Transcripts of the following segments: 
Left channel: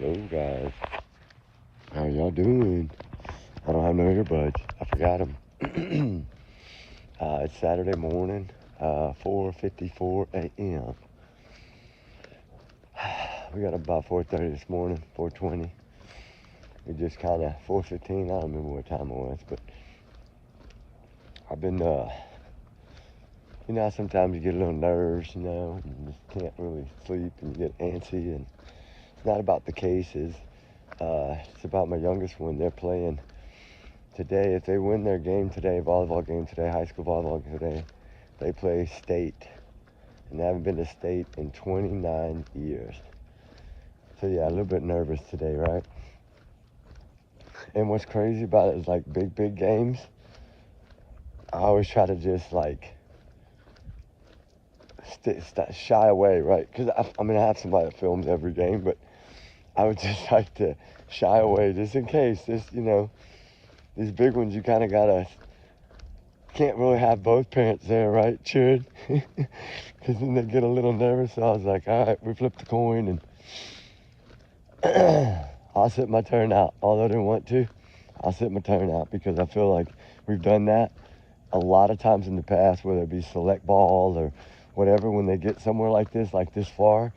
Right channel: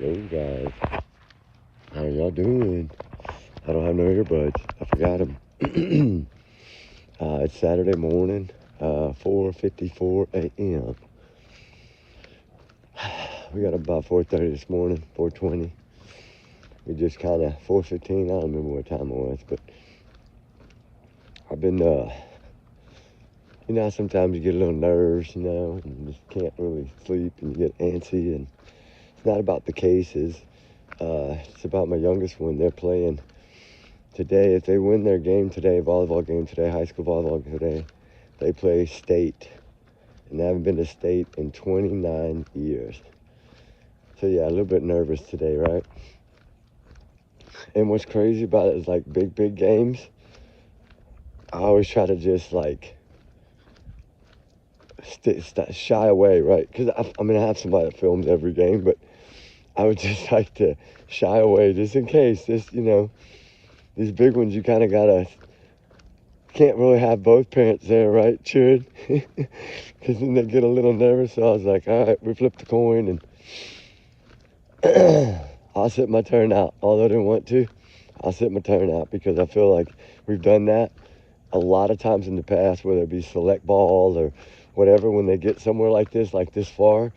Hello guys, how y'all doing? I don't have no earbuds. I forgot them. It's Saturday morning, 4:54 a.m. We got up about 4:30 this morning, 4:20. We just kind of 4:15. I don't remember what time it was, but I've been, sometimes you get a little nerves, and you just can't really sleep, and you get antsy, and it's not about the cases. It's about my youngest one. They're playing today. If they win their game today, volleyball game today, high school volleyball today, they play state. And they haven't been to state in 29 years. So yeah, a little bit nervous today, right? And what's crazy about it is like big games, I always try to just like shy away, right? Because I have somebody that films every game, but I would just like to shy away just in case. These big ones, you kind of can't really have both parents there, right, cheering? Because then they get a little nervous. So I was like, all right, we flipped the coin and I'll sit my turn out. Although I didn't want to, I'll sit my turn out because I feel like we've done that a lot of times in the past, whether it be select ball or whatever, when they get somewhere like this far,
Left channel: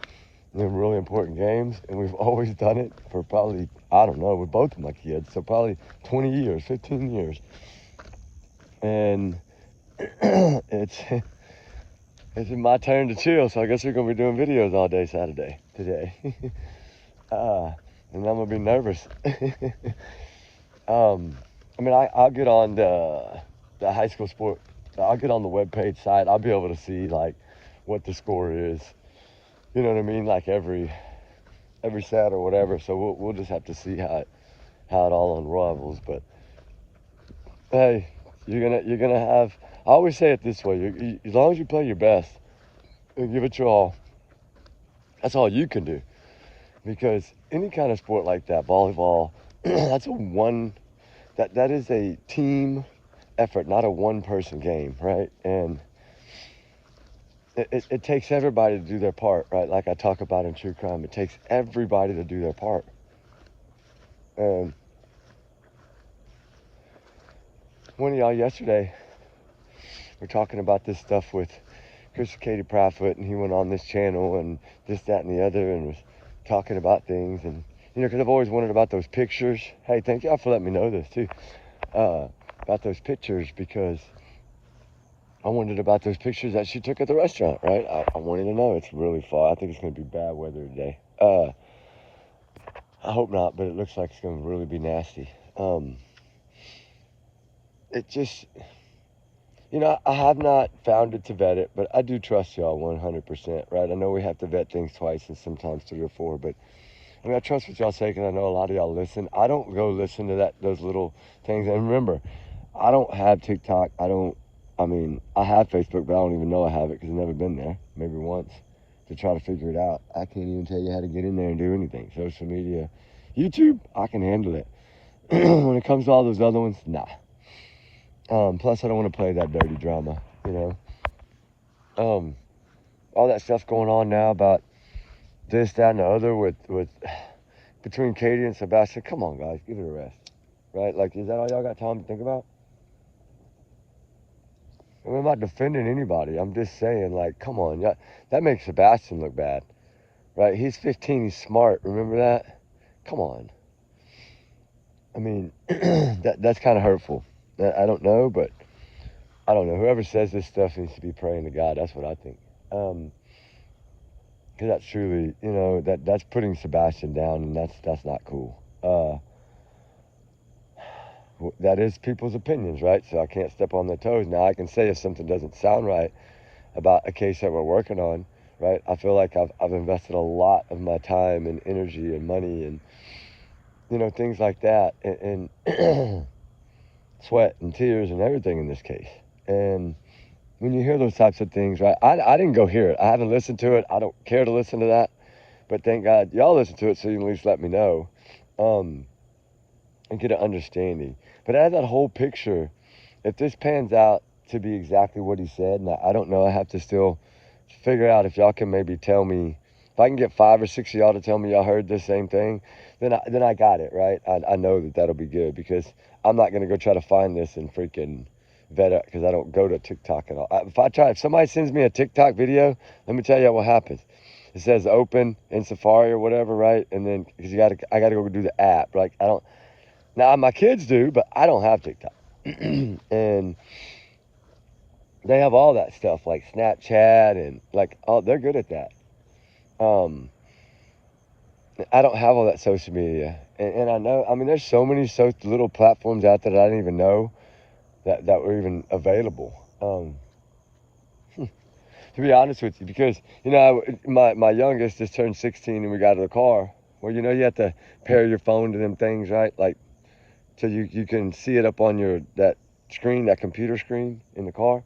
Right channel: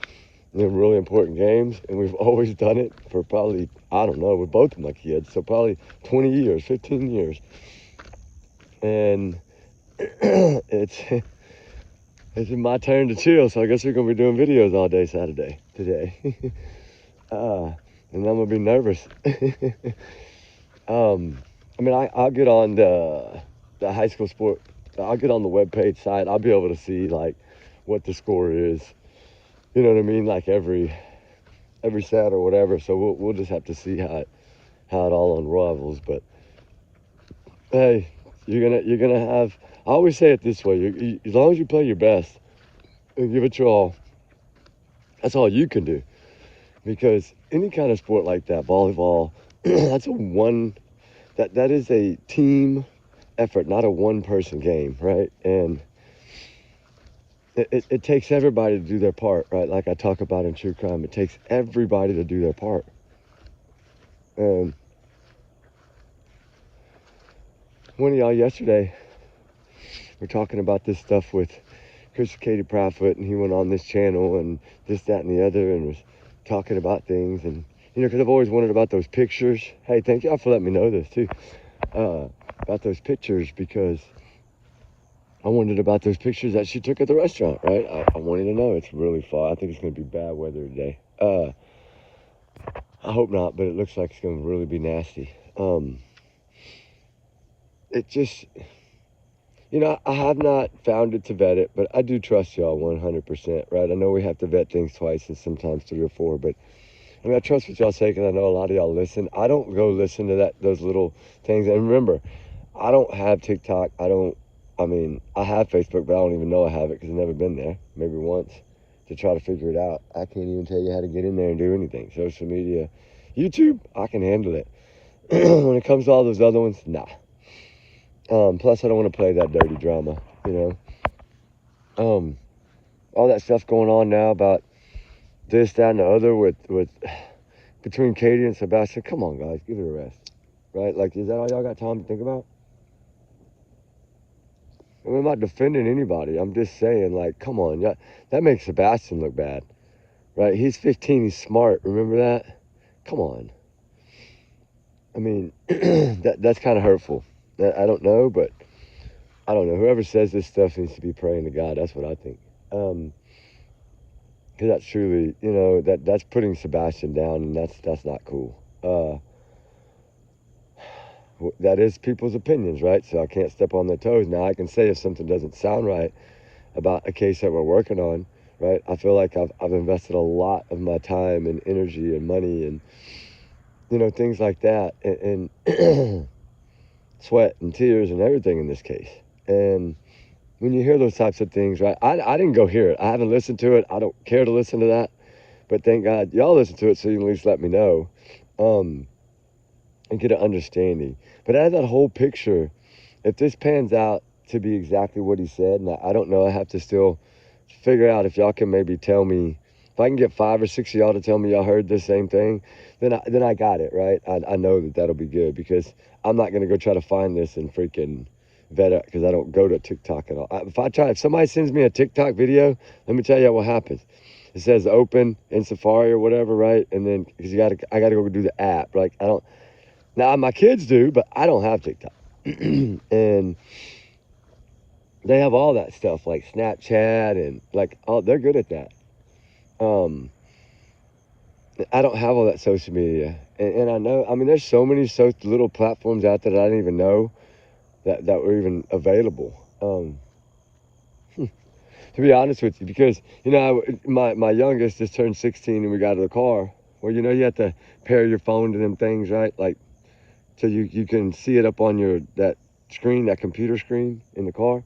in really important games, and we've always done it for probably, I don't know, with both of my kids, so probably 20 years, 15 years. And it's my turn to chill, so I guess we're going to be doing videos all day Saturday today. And I'm going to be nervous. I'll get on the high school sport. I'll get on the webpage site. I'll be able to see, like, what the score is. You know what I mean? Like every set or whatever. So we'll just have to see how it all unravels. But hey, you're gonna have. I always say it this way: as long as you play your best and give it your all, that's all you can do. Because any kind of sport like that, volleyball, that is a team effort, not a one-person game, right? And it takes everybody to do their part, right? Like I talk about in true crime, it takes everybody to do their part. One of y'all yesterday were talking about this stuff with Katie Proudfoot, and he went on this channel and this, that, and the other, and was talking about things. And, because I've always wondered about those pictures. Hey, thank y'all for letting me know this, too. About those pictures, because I wondered about those pictures that she took at the restaurant, right? I wanted to know. It's really far. I think it's going to be bad weather today. I hope not, but it looks like it's going to really be nasty. It just, I have not found it to vet it, but I do trust y'all 100%, right? I know we have to vet things twice and sometimes 3 or 4, but I trust what y'all say, because I know a lot of y'all listen. I don't go listen to those little things. And remember, I don't have TikTok. I have Facebook, but I don't even know I have it because I've never been there, maybe once, to try to figure it out. I can't even tell you how to get in there and do anything. Social media, YouTube, I can handle it. When it comes to all those other ones, nah. Plus, I don't want to play that dirty drama, all that stuff going on now about this, that, and the other with between Katie and Sebastian. Come on, guys, give it a rest, right? Like, is that all y'all got time to think about? I'm not defending anybody. I'm just saying, like, come on. Yeah, that makes Sebastian look bad, right? He's 15. He's smart. Remember that? Come on. That's kind of hurtful. I don't know, but I don't know. Whoever says this stuff needs to be praying to God. That's what I think. Because that's truly, that's putting Sebastian down, and that's not cool. That is people's opinions, right? So I can't step on their toes. Now, I can say if something doesn't sound right about a case that we're working on, right? I feel like I've invested a lot of my time and energy and money and, things like that, and sweat and tears and everything in this case. And when you hear those types of things, right? I didn't go hear it. I haven't listened to it. I don't care to listen to that. But thank God y'all listen to it, so you can at least let me know. And get an understanding. But out of that whole picture, if this pans out to be exactly what he said, and I don't know, I have to still figure out if y'all can maybe tell me if I can get 5 or 6 of y'all to tell me y'all heard the same thing, then I got it, right? I know that'll be good, because I'm not gonna go try to find this and freaking vet it, because I don't go to TikTok at all. If somebody sends me a TikTok video, let me tell you what happens. It says open in Safari or whatever, right? And then, because I gotta go do the app. Like, I don't. Now my kids do, but I don't have TikTok, and they have all that stuff like Snapchat and like they're good at that. I don't have all that social media, and I know. I mean, there's so many little platforms out there that I didn't even know that were even available. To be honest with you, because my youngest just turned 16 and we got to the car. Well, you have to pair your phone to them things, right? Like, so you can see it up on that screen, that computer screen in the car.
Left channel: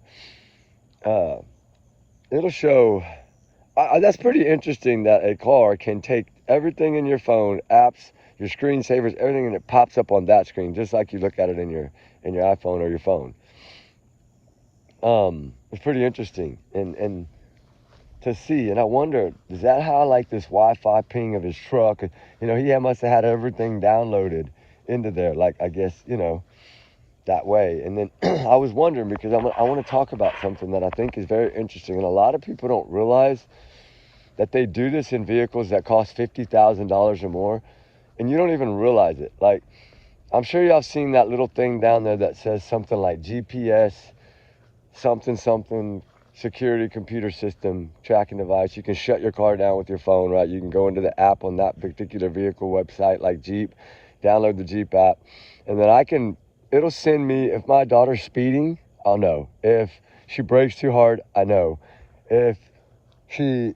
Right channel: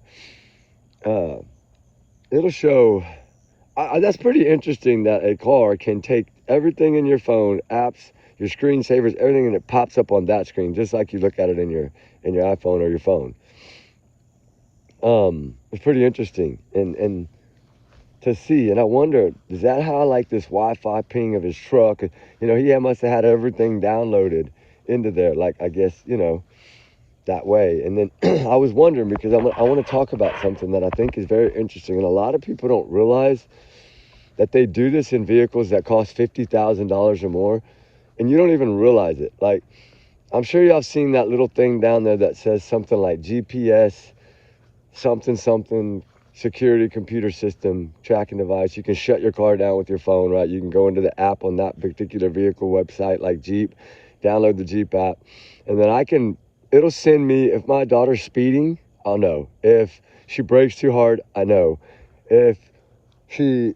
It'll show. That's pretty interesting that a car can take everything in your phone, apps, your screensavers, everything, and it pops up on that screen, just like you look at it in your iPhone or your phone. It's pretty interesting, and to see, and I wonder, is that how like this Wi-Fi ping of his truck? He must have had everything downloaded into there, like, I guess, that way. And then I was wondering, because I want to talk about something that I think is very interesting, and a lot of people don't realize that they do this in vehicles that cost $50,000 or more, and you don't even realize it. Like, I'm sure y'all seen that little thing down there that says something like GPS, something, security computer system, tracking device. You can shut your car down with your phone, right? You can go into the app on that particular vehicle website, like Jeep, download the Jeep app, and then it'll send me, if my daughter's speeding, I'll know. If she brakes too hard, I know. If she,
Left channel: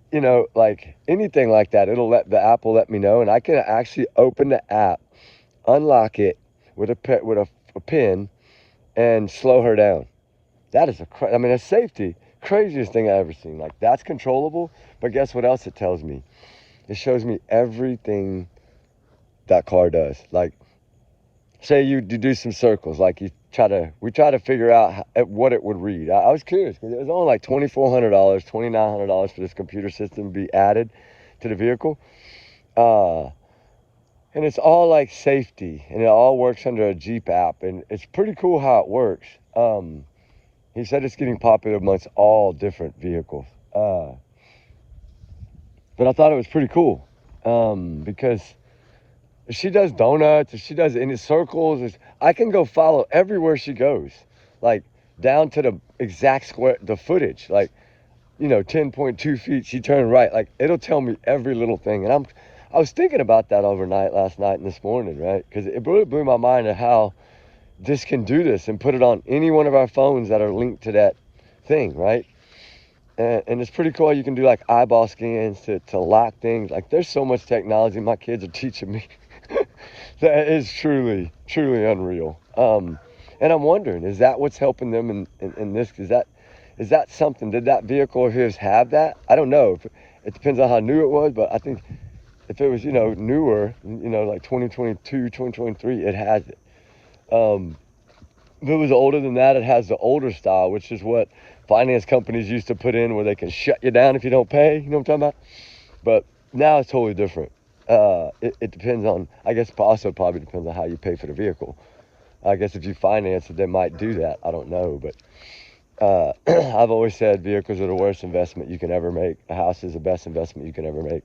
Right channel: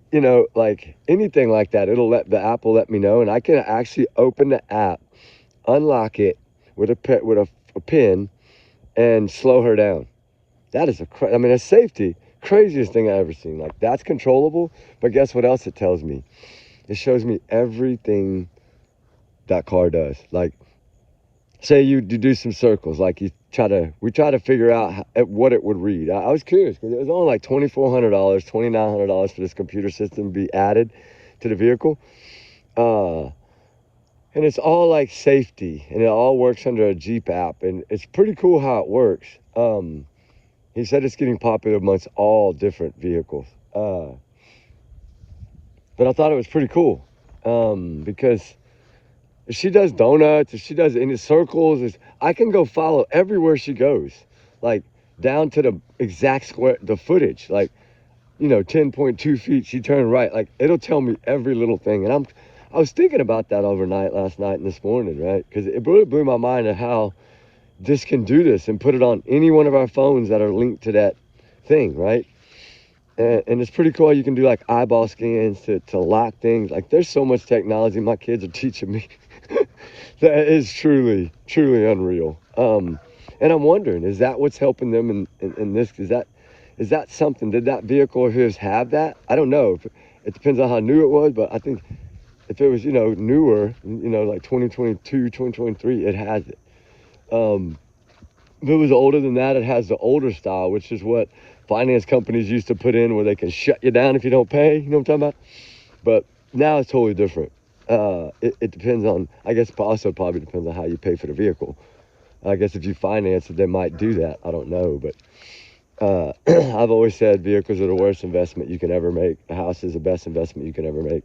like anything like that, the app will let me know, and I can actually open the app, unlock it with a pin, and slow her down. That is it's safety. Craziest thing I've ever seen. Like, that's controllable, but guess what else it tells me? It shows me everything that car does. Like, say you do some circles, like we try to figure out what it would read. I was curious, because it was only like $2,400, $2,900 for this computer system to be added to the vehicle. And it's all like safety, and it all works under a Jeep app, and it's pretty cool how it works. He said it's getting popular amongst all different vehicles. But I thought it was pretty cool, because if she does donuts, if she does any circles, I can go follow everywhere she goes, like down to the exact square, the footage, like, 10.2 feet, she turned right. Like, it'll tell me every little thing. And I was thinking about that overnight, last night and this morning, right? Because it really blew my mind at how this can do this and put it on any one of our phones that are linked to that thing, right? And it's pretty cool. You can do like eyeball scans to lock things. Like, there's so much technology my kids are teaching me that is truly, truly unreal. And I'm wondering, is that what's helping them in this? Is that something? Did that vehicle of his have that? I don't know. It depends on how new it was, but I think if it was, newer, like 2022, 2023, it has it. If it was older than that, it has the older style, which is what finance companies used to put in, where they can shut you down if you don't pay. You know what I'm talking about? But now it's totally different. It depends on, I guess, also probably depends on how you pay for the vehicle. I guess if you finance it, they might do that. I don't know, but I've always said vehicles are the worst investment you can ever make. A house is the best investment you can ever make.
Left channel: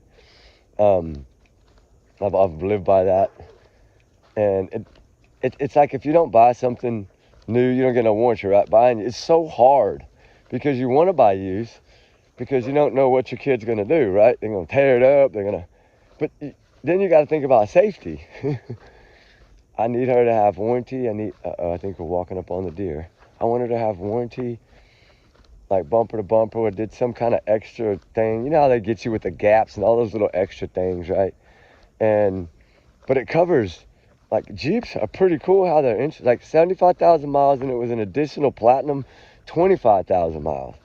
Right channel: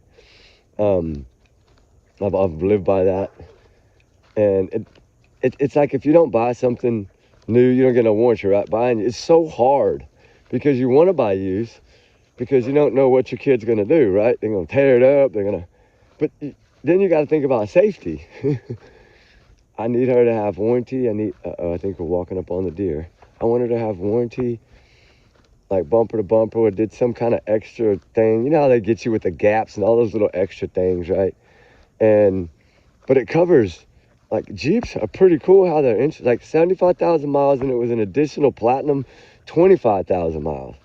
I've lived by that, and it's like, if you don't buy something new, you don't get no warranty, right? Buying it's so hard, because you want to buy used, because you don't know what your kid's going to do, right? They're going to tear it up. But then you got to think about safety. I need her to have warranty. I think we're walking up on the deer. I want her to have warranty, like bumper to bumper, or did some kind of extra thing. You know how they get you with the gaps and all those little extra things, right? But it covers, like, Jeeps are pretty cool how they're like 75,000 miles, and it was an additional platinum 25,000 miles.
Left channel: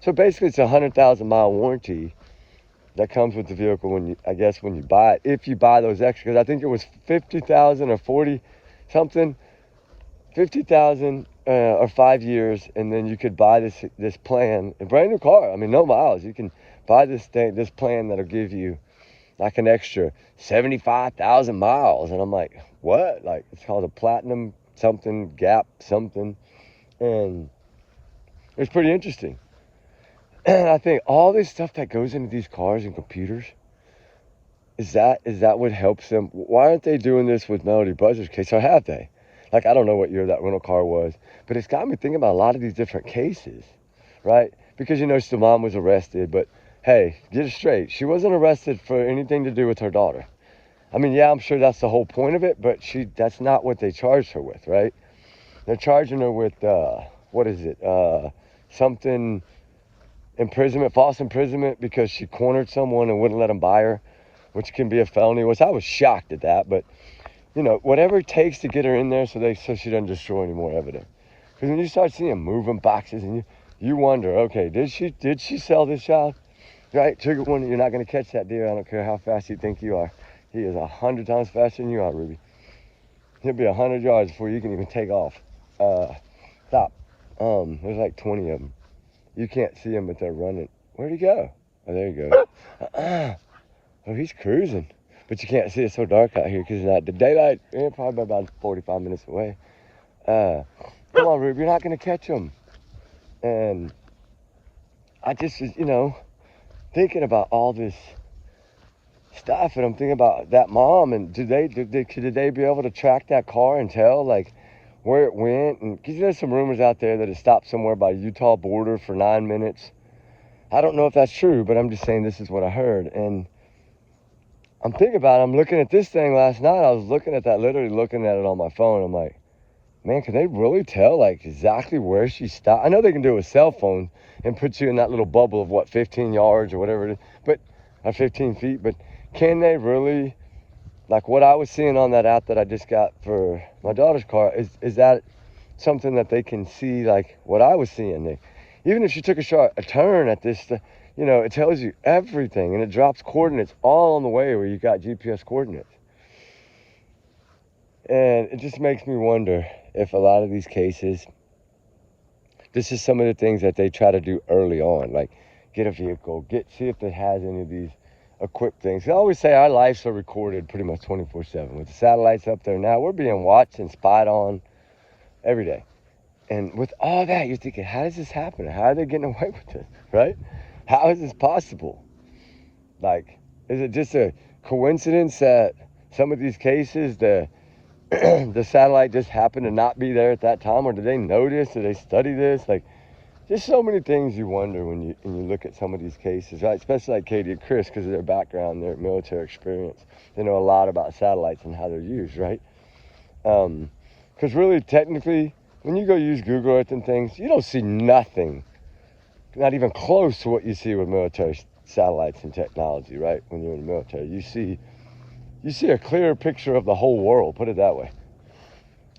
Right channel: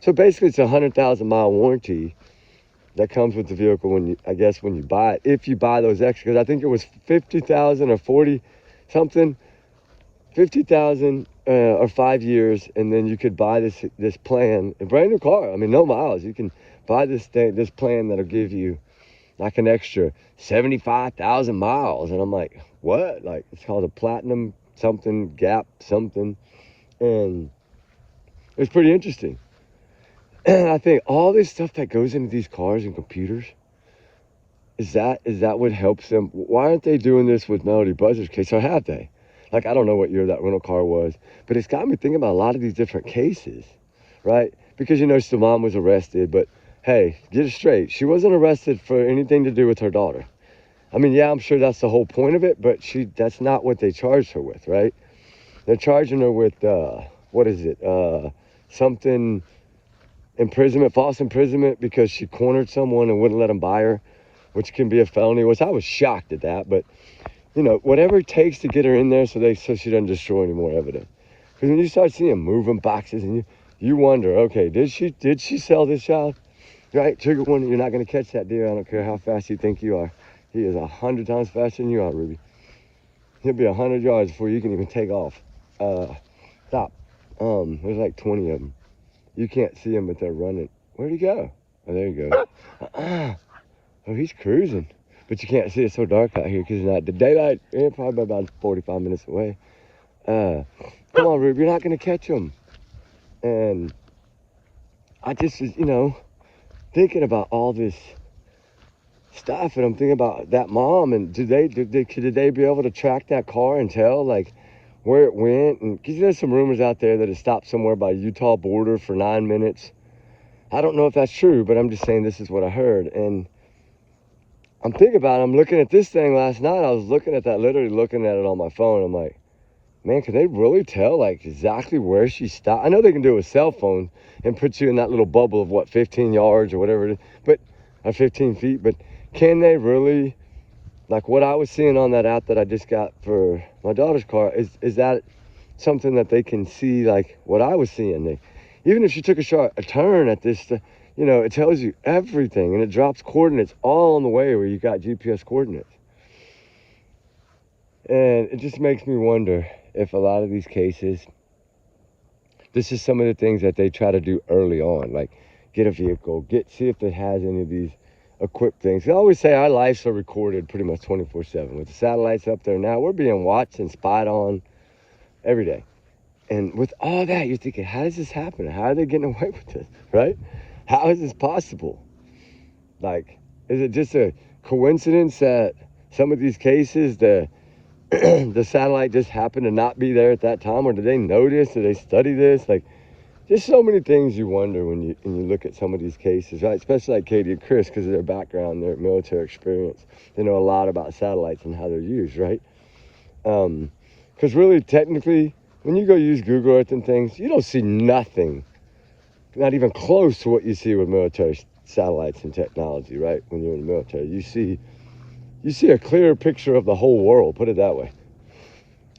So basically it's a 100,000 mile warranty that comes with the vehicle when you buy it, if you buy those extras. Because I think it was 50,000 or 40 something, 50,000 or 5 years, and then you could buy this plan, a brand new car. I mean, no miles. You can buy this plan that'll give you like an extra 75,000 miles. And I'm like, what? Like, it's called a platinum something, gap something. And it's pretty interesting. And I think all this stuff that goes into these cars and computers, is that what helps them? Why aren't they doing this with Melody Buzzard's case? Or have they? Like, I don't know what year that rental car was, but it's got me thinking about a lot of these different cases, right? Because, you know, the mom was arrested, but hey, get it straight. She wasn't arrested for anything to do with her daughter. I mean, yeah, I'm sure that's the whole point of it, but that's not what they charged her with, right? They're charging her with, what is it? Something, imprisonment, false imprisonment, because she cornered someone and wouldn't let them buy her, which can be a felony, which I was shocked at that, but, you know, whatever it takes to get her in there so she doesn't destroy any more evidence. Because when you start seeing moving boxes and you wonder, okay, did she sell this child? Right? Trigger warning, you're not going to catch that deer. I don't care how fast you think you are. He is 100 times faster than you are, Ruby. He'll be 100 yards before you can even take off. Stop. There's like 20 of them. You can't see them, but they're running. Where'd he go? Oh, there you go. Oh, he's cruising. But you can't see, it's so dark out here because it's not the daylight. Yeah, probably about 45 minutes away. Come on, Ruby, you're not going to catch him. And I just, you know, thinking about all this stuff, and I'm thinking about that mom, and did they be able to track that car and tell, like, where it went? And because there's some rumors out there that it stopped somewhere by Utah border for 9 minutes. I don't know if that's true, but I'm just saying this is what I heard. And I'm thinking about it. I'm looking at this thing last night. I was looking at that, literally looking at it on my phone. I'm like, man, could they really tell, like, exactly where she stopped? I know they can do it with cell phones and put you in that little bubble of, what, 15 yards or whatever it is, or 15 feet. But can they really, like what I was seeing on that app that I just got for my daughter's car, is that something that they can see, like what I was seeing? Even if she took a turn at this, you know, it tells you everything, and it drops coordinates all on the way where you got GPS coordinates. And it just makes me wonder if a lot of these cases, this is some of the things that they try to do early on, like get a vehicle, see if it has any of these equipped things. They always say our lives are recorded pretty much 24/7. With the satellites up there now, we're being watched and spied on every day. And with all that, you're thinking, how does this happen? How are they getting away with this, right? How is this possible? Like, is it just a coincidence that some of these cases, the satellite just happened to not be there at that time? Or did they notice? Did they study this? Like, there's so many things you wonder when you look at some of these cases, right? Especially like Katie and Chris, because of their background, their military experience. They know a lot about satellites and how they're used, right? Because really, technically, when you go use Google Earth and things, you don't see nothing, not even close to what you see with military satellites and technology, right? When you're in the military, you see a clearer picture of the whole world, put it that way.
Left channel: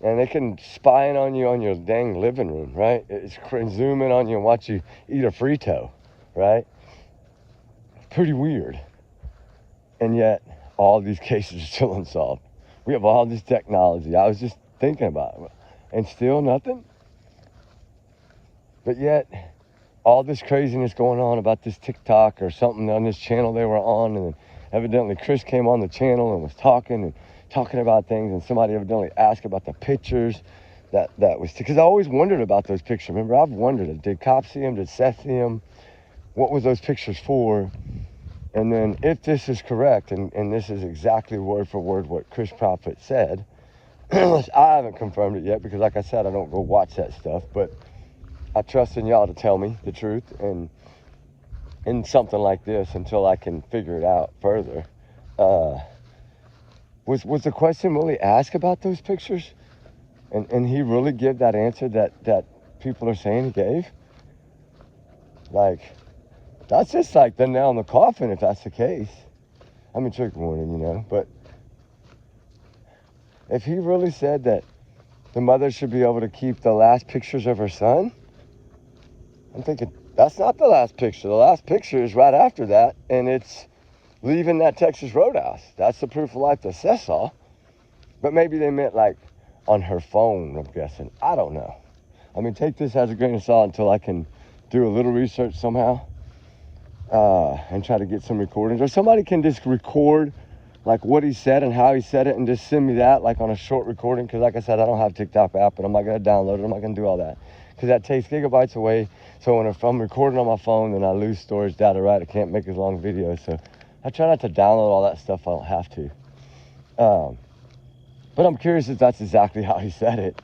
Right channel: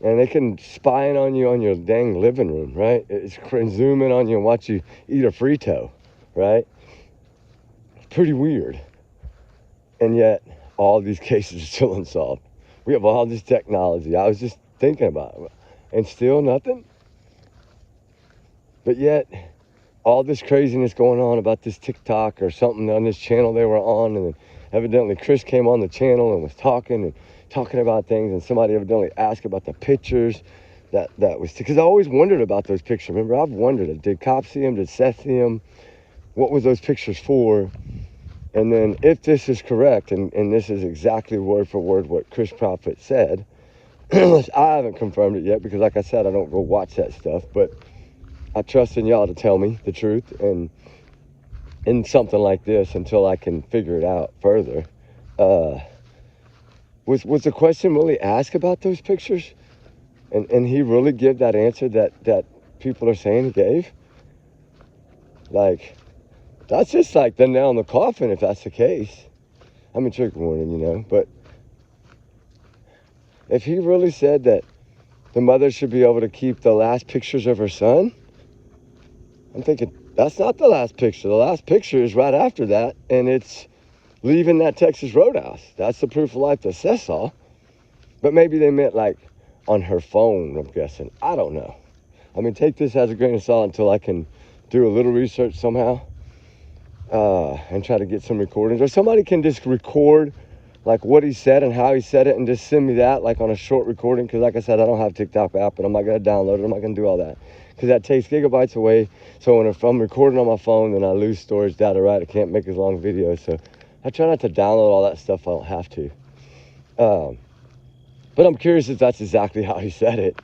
And they can spy in on you on your dang living room, right? It's zoom in on you and watch you eat a Frito, right? It's pretty weird. And yet, all these cases are still unsolved. We have all this technology. I was just thinking about it. And still nothing? But yet, all this craziness going on about this TikTok or something on this channel they were on, and then evidently Chris came on the channel and was talking about things, and somebody evidently asked about the pictures that was, because I always wondered about those pictures. Remember, I've wondered, did cops see them? Did Seth see them? What was those pictures for? And then if this is correct, and this is exactly word for word what Chris Prophet said, I haven't confirmed it yet because, like I said, I don't go watch that stuff, but I trust in y'all to tell me the truth and in something like this until I can figure it out further. Was the question really asked about those pictures? And he really give that answer that people are saying he gave? Like, that's just like the nail in the coffin if that's the case. I mean, trigger warning, you know, but if he really said that the mother should be able to keep the last pictures of her son, I'm thinking, that's not the last picture. The last picture is right after that, and it's leaving that Texas Roadhouse. That's the proof of life that says so. But maybe they meant like on her phone, I'm guessing. I don't know. I mean, take this as a grain of salt until I can do a little research somehow. and try to get some recordings. Or somebody can just record like what he said and how he said it and just send me that like on a short recording. Because like I said, I don't have TikTok app, and I'm not going to download it. I'm not going to do all that because that takes gigabytes away. So if I'm recording on my phone, then I lose storage data, right? I can't make as long videos. So I try not to download all that stuff. I don't have to. But I'm curious if that's exactly how he said it.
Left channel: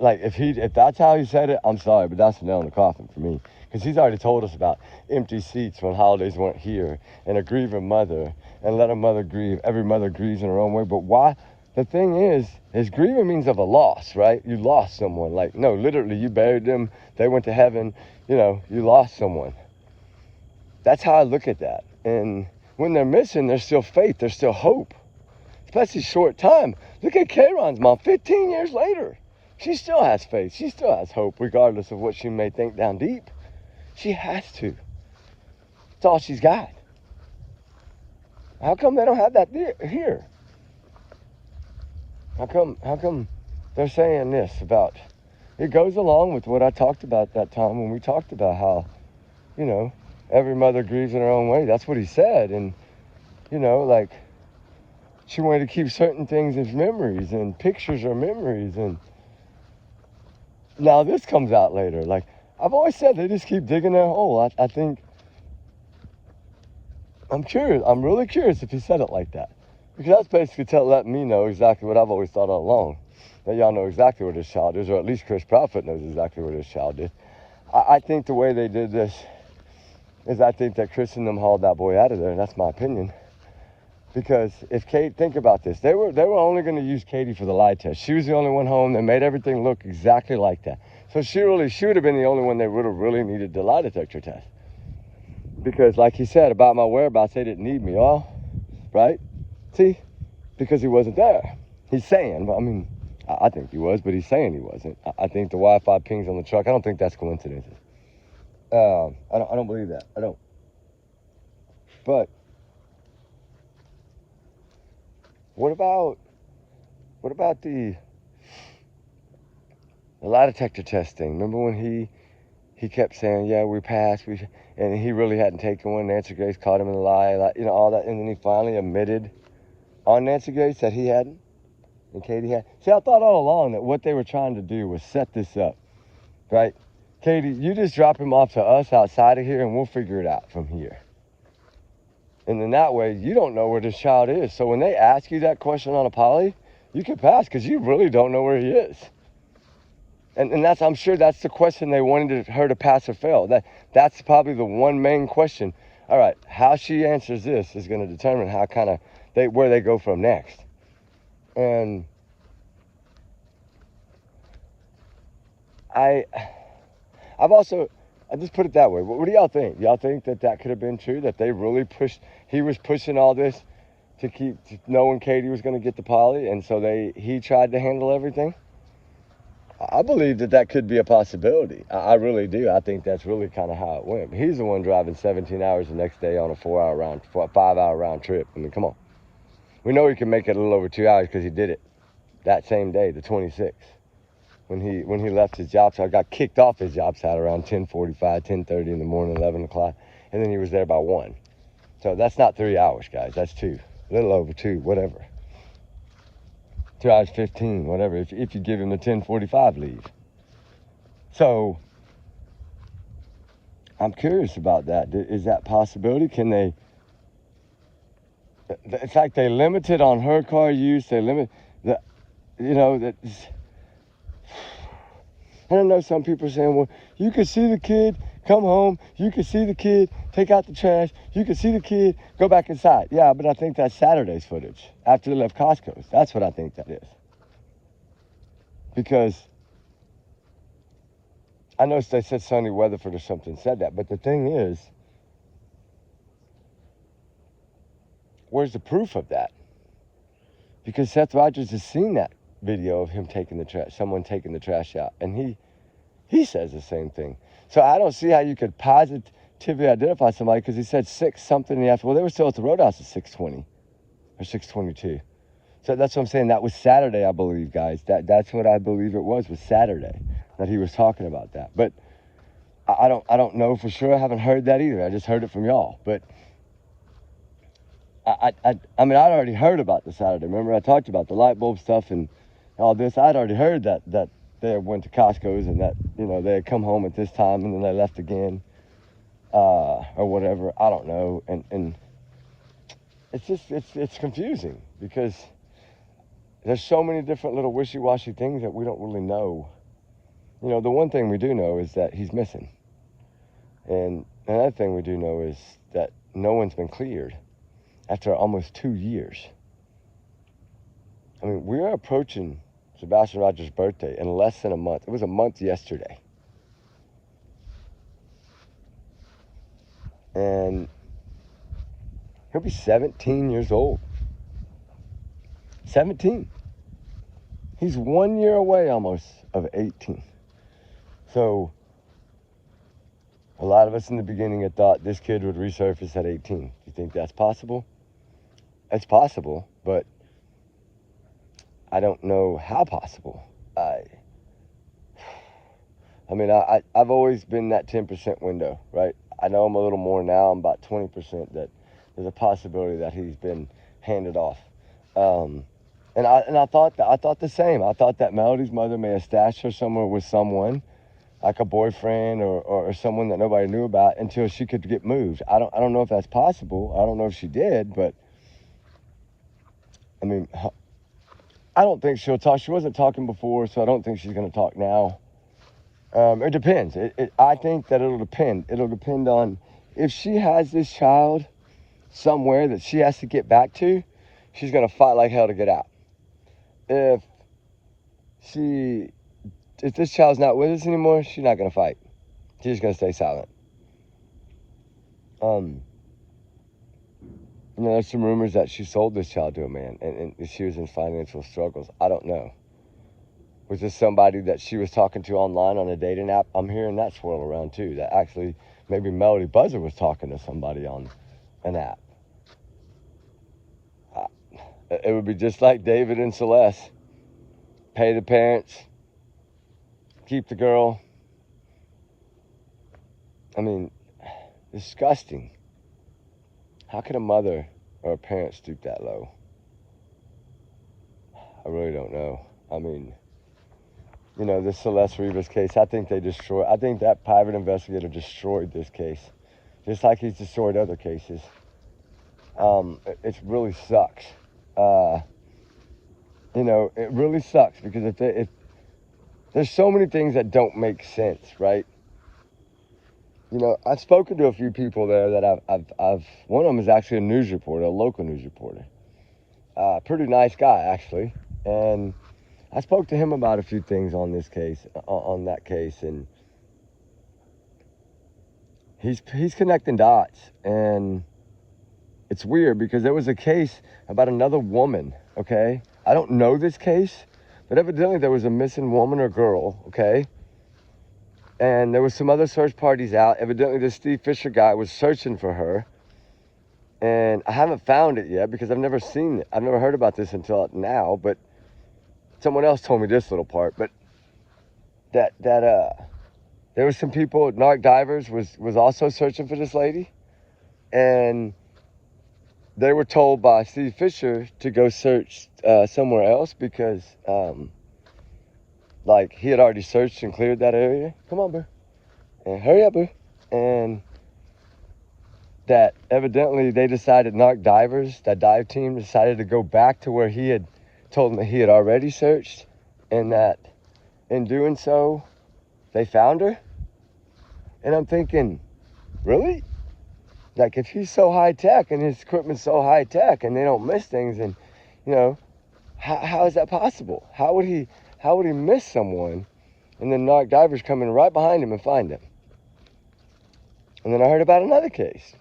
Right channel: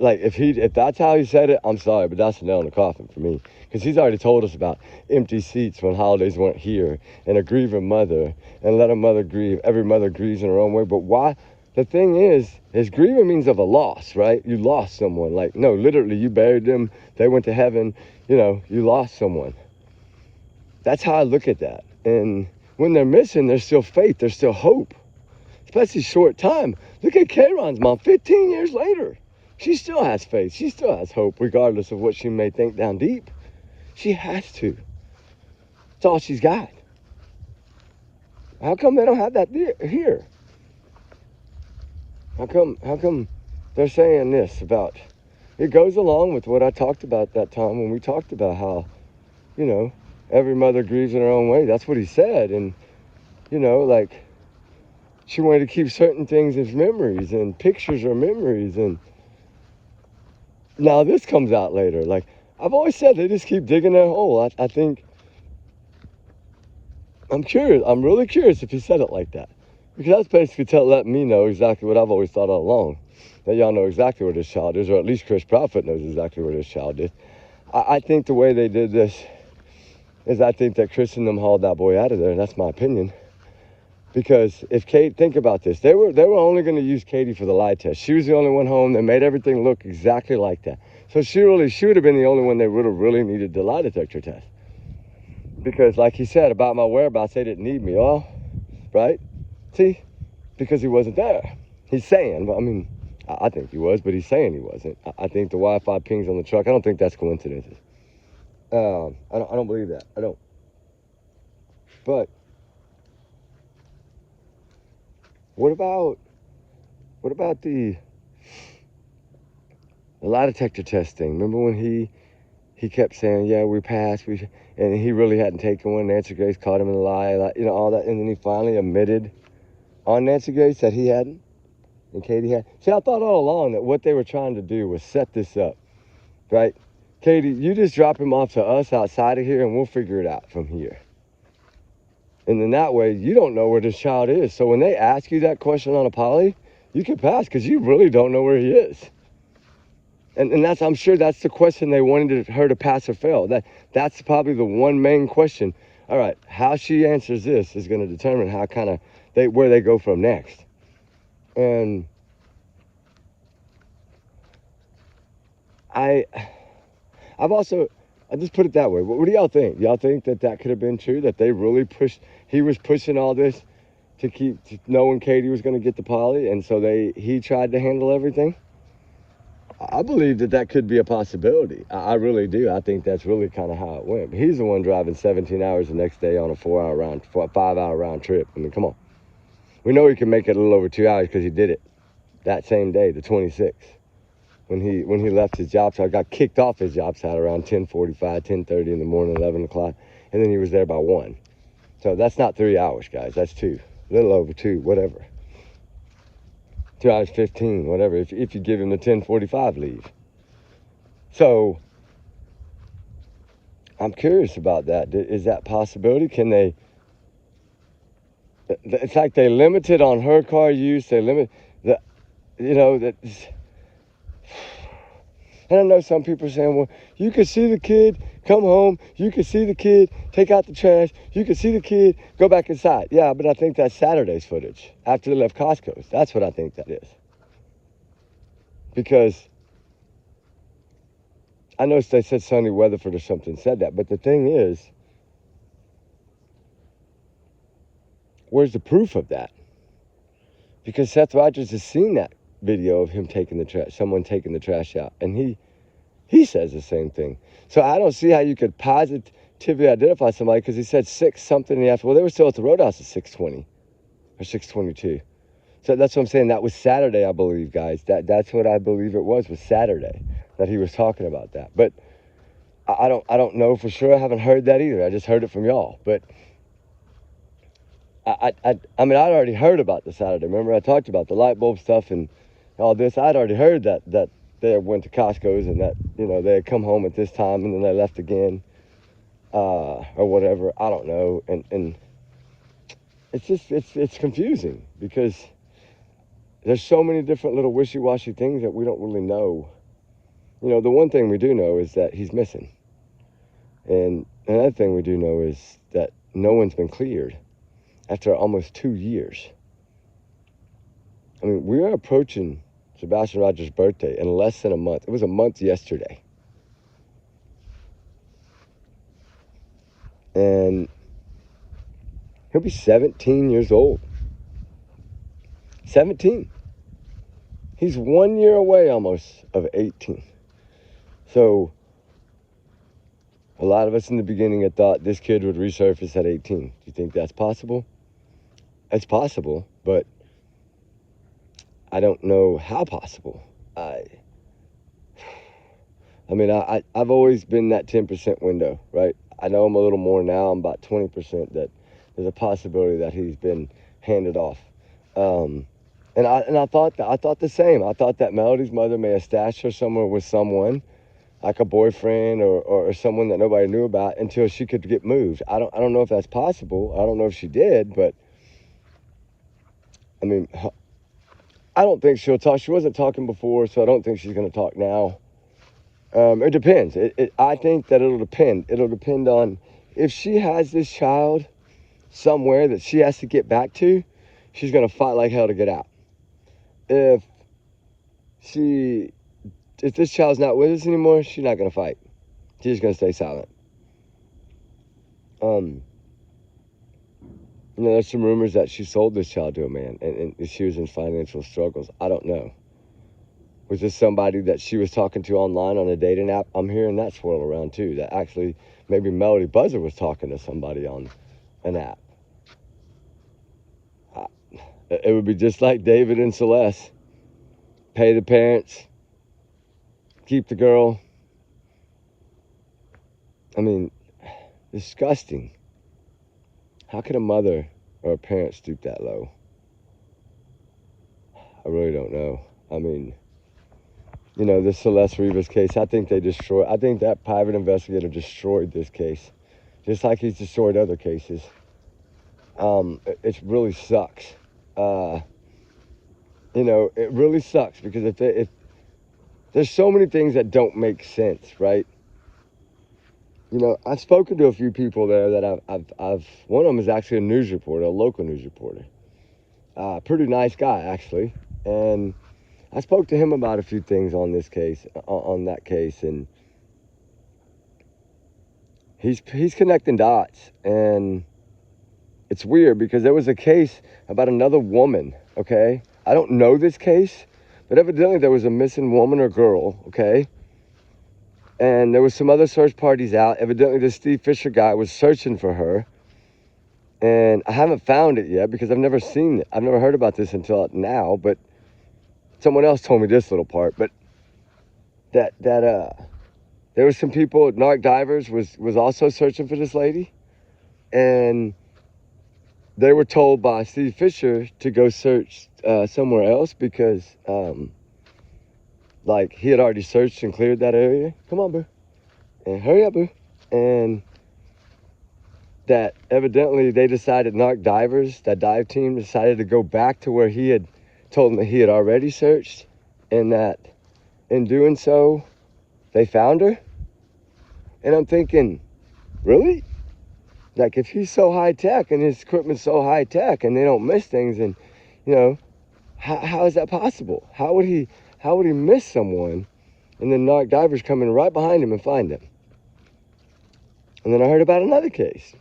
Like if that's how he said it, I'm sorry, but that's a nail in the coffin for me. Because he's already told us about empty seats when holidays weren't here, and a grieving mother, and let a mother grieve. Every mother grieves in her own way. But why? The thing is grieving means of a loss, right? You lost someone. Like, no, literally, you buried them. They went to heaven. You know, you lost someone. That's how I look at that. And when they're missing, there's still faith. There's still hope. Especially short time. Look at Kayron's mom, 15 years later. She still has faith. She still has hope, regardless of what she may think down deep. She has to. It's all she's got. How come they don't have that here? How come they're saying this about... It goes along with what I talked about that time when we talked about how, you know, every mother grieves in her own way. That's what he said. And, you know, like, she wanted to keep certain things as memories, and pictures are memories. And now this comes out later. Like, I've always said, they just keep digging their hole. I think, I'm curious. I'm really curious if he said it like that. Because that's basically letting me know exactly what I've always thought all along. That y'all know exactly where this child is, or at least Chris Proudfoot knows exactly where this child is. I think the way they did this is I think that Chris and them hauled that boy out of there, and that's my opinion. Because if Kate, think about this, they were only going to use Katie for the lie test. She was the only one home. They made everything look exactly like that. So she would have been the only one they would have really needed the lie detector test. Because like he said about my whereabouts, they didn't need me all, right? See, because he wasn't there. He's saying, I mean, I think he was, but he's saying he wasn't. I think the Wi-Fi pings on the truck, I don't think that's coincidences. I don't believe that. I don't. But what about the lie detector testing? Remember when he kept saying, yeah, we passed, and he really hadn't taken one. Nancy Grace caught him in a lie, like, you know, all that, and then he finally admitted on Nancy Grace that he hadn't, and Katie had. See, I thought all along that what they were trying to do was set this up, right? Katie, you just drop him off to us outside of here, and we'll figure it out from here. And then that way, you don't know where this child is. So when they ask you that question on a poly, you can pass because you really don't know where he is. And that's, I'm sure that's the question they wanted her to pass or fail. That's probably the one main question. All right, how she answers this is going to determine how where they go from next. And I just put it that way. What do y'all think? Y'all think that could have been true? That they really he was pushing all this to knowing Katie was going to get the poly, and so he tried to handle everything? I believe that could be a possibility. I really do. I think that's really kind of how it went. But he's the one driving 17 hours the next day on a 5-hour round trip. I mean, come on. We know he can make it a little over 2 hours because he did it that same day, the 26th, when he left his job site. Got kicked off his job site around 10:45, 10:30 in the morning, 11 o'clock, and then he was there by 1. So that's not 3 hours, guys. That's 2, a little over 2, whatever. 2 hours 15, whatever, if you give him the 10:45 leave. So I'm curious about that. Is that possibility? Can they? It's like they limited on her car use. They limit the, you know, that. I don't know. Some people are saying, well, you can see the kid come home. You can see the kid take out the trash. You can see the kid go back inside. Yeah, but I think that's Saturday's footage after they left Costco's. That's what I think that is. Because I know they said Sonny Weatherford or something said that, but the thing is, where's the proof of that? Because Seth Rogers has seen that video of him taking the trash, someone taking the trash out, and he says the same thing. So I don't see how you could positively identify somebody, because he said 6 something in the afternoon. Well, they were still at the Roadhouse at 6:20 or 6:22. So that's what I'm saying. That was Saturday, I believe, guys. That's what I believe it was Saturday that he was talking about that. But I don't know for sure. I haven't heard that either. I just heard it from y'all. But I mean, I'd already heard about the Saturday. Remember, I talked about the light bulb stuff and all this. I'd already heard that they went to Costco's and that, you know, they had come home at this time and then they left again, or whatever. I don't know. And it's just, it's confusing because there's so many different little wishy-washy things that we don't really know. You know, the one thing we do know is that he's missing. And another thing we do know is that no one's been cleared after almost 2 years. I mean, we are approaching Sebastian Rogers' birthday in less than a month. It was a month yesterday. And he'll be 17 years old. 17. He's 1 year away almost of 18. So a lot of us in the beginning had thought this kid would resurface at 18. Do you think that's possible? It's possible, but I don't know how possible. I mean, I've always been that 10% window, right? I know I'm a little more now. I'm about 20% that there's a possibility that he's been handed off. And I thought the same. I thought that Melody's mother may have stashed her somewhere with someone, like a boyfriend or someone that nobody knew about until she could get moved. I don't know if that's possible. I don't know if she did, but I mean, I don't think she'll talk. She wasn't talking before, so I don't think she's going to talk now. It depends. I think that it'll depend. It'll depend on if she has this child somewhere that she has to get back to, she's going to fight like hell to get out. If this child's not with us anymore, she's not going to fight. She's just going to stay silent. You know, there's some rumors that she sold this child to a man and she was in financial struggles. I don't know. Was this somebody that she was talking to online on a dating app? I'm hearing that swirl around too. That actually maybe Melody Buzzer was talking to somebody on an app. It would be just like David and Celeste. Pay the parents. Keep the girl. I mean, disgusting. How could a mother or a parent stoop that low? I really don't know. I mean, you know, this Celeste Rivas case, I think that private investigator destroyed this case. Just like he's destroyed other cases. It really sucks. You know, it really sucks because if there's so many things that don't make sense, right? You know, I've spoken to a few people there that I've one of them is actually a news reporter, a local news reporter. Pretty nice guy, actually. And I spoke to him about a few things on this case, on that case, and he's connecting dots. And it's weird because there was a case about another woman, okay? I don't know this case, but evidently there was a missing woman or girl, okay? And there was some other search parties out. Evidently, this Steve Fisher guy was searching for her. And I haven't found it yet because I've never seen it. I've never heard about this until now, but someone else told me this little part. But that there was some people, narc divers was also searching for this lady. And they were told by Steve Fisher to go search somewhere else because like he had already searched and cleared that area. Come on, boo. And hurry up, boo. And that evidently they decided, narc divers, that dive team decided to go back to where he had told them that he had already searched, and that in doing so, they found her. And I'm thinking, really? Like, if he's so high tech and his equipment's so high tech and they don't miss things, and you know, how is that possible? How would he miss someone and then narc divers come in right behind him and find him? And then I heard about another case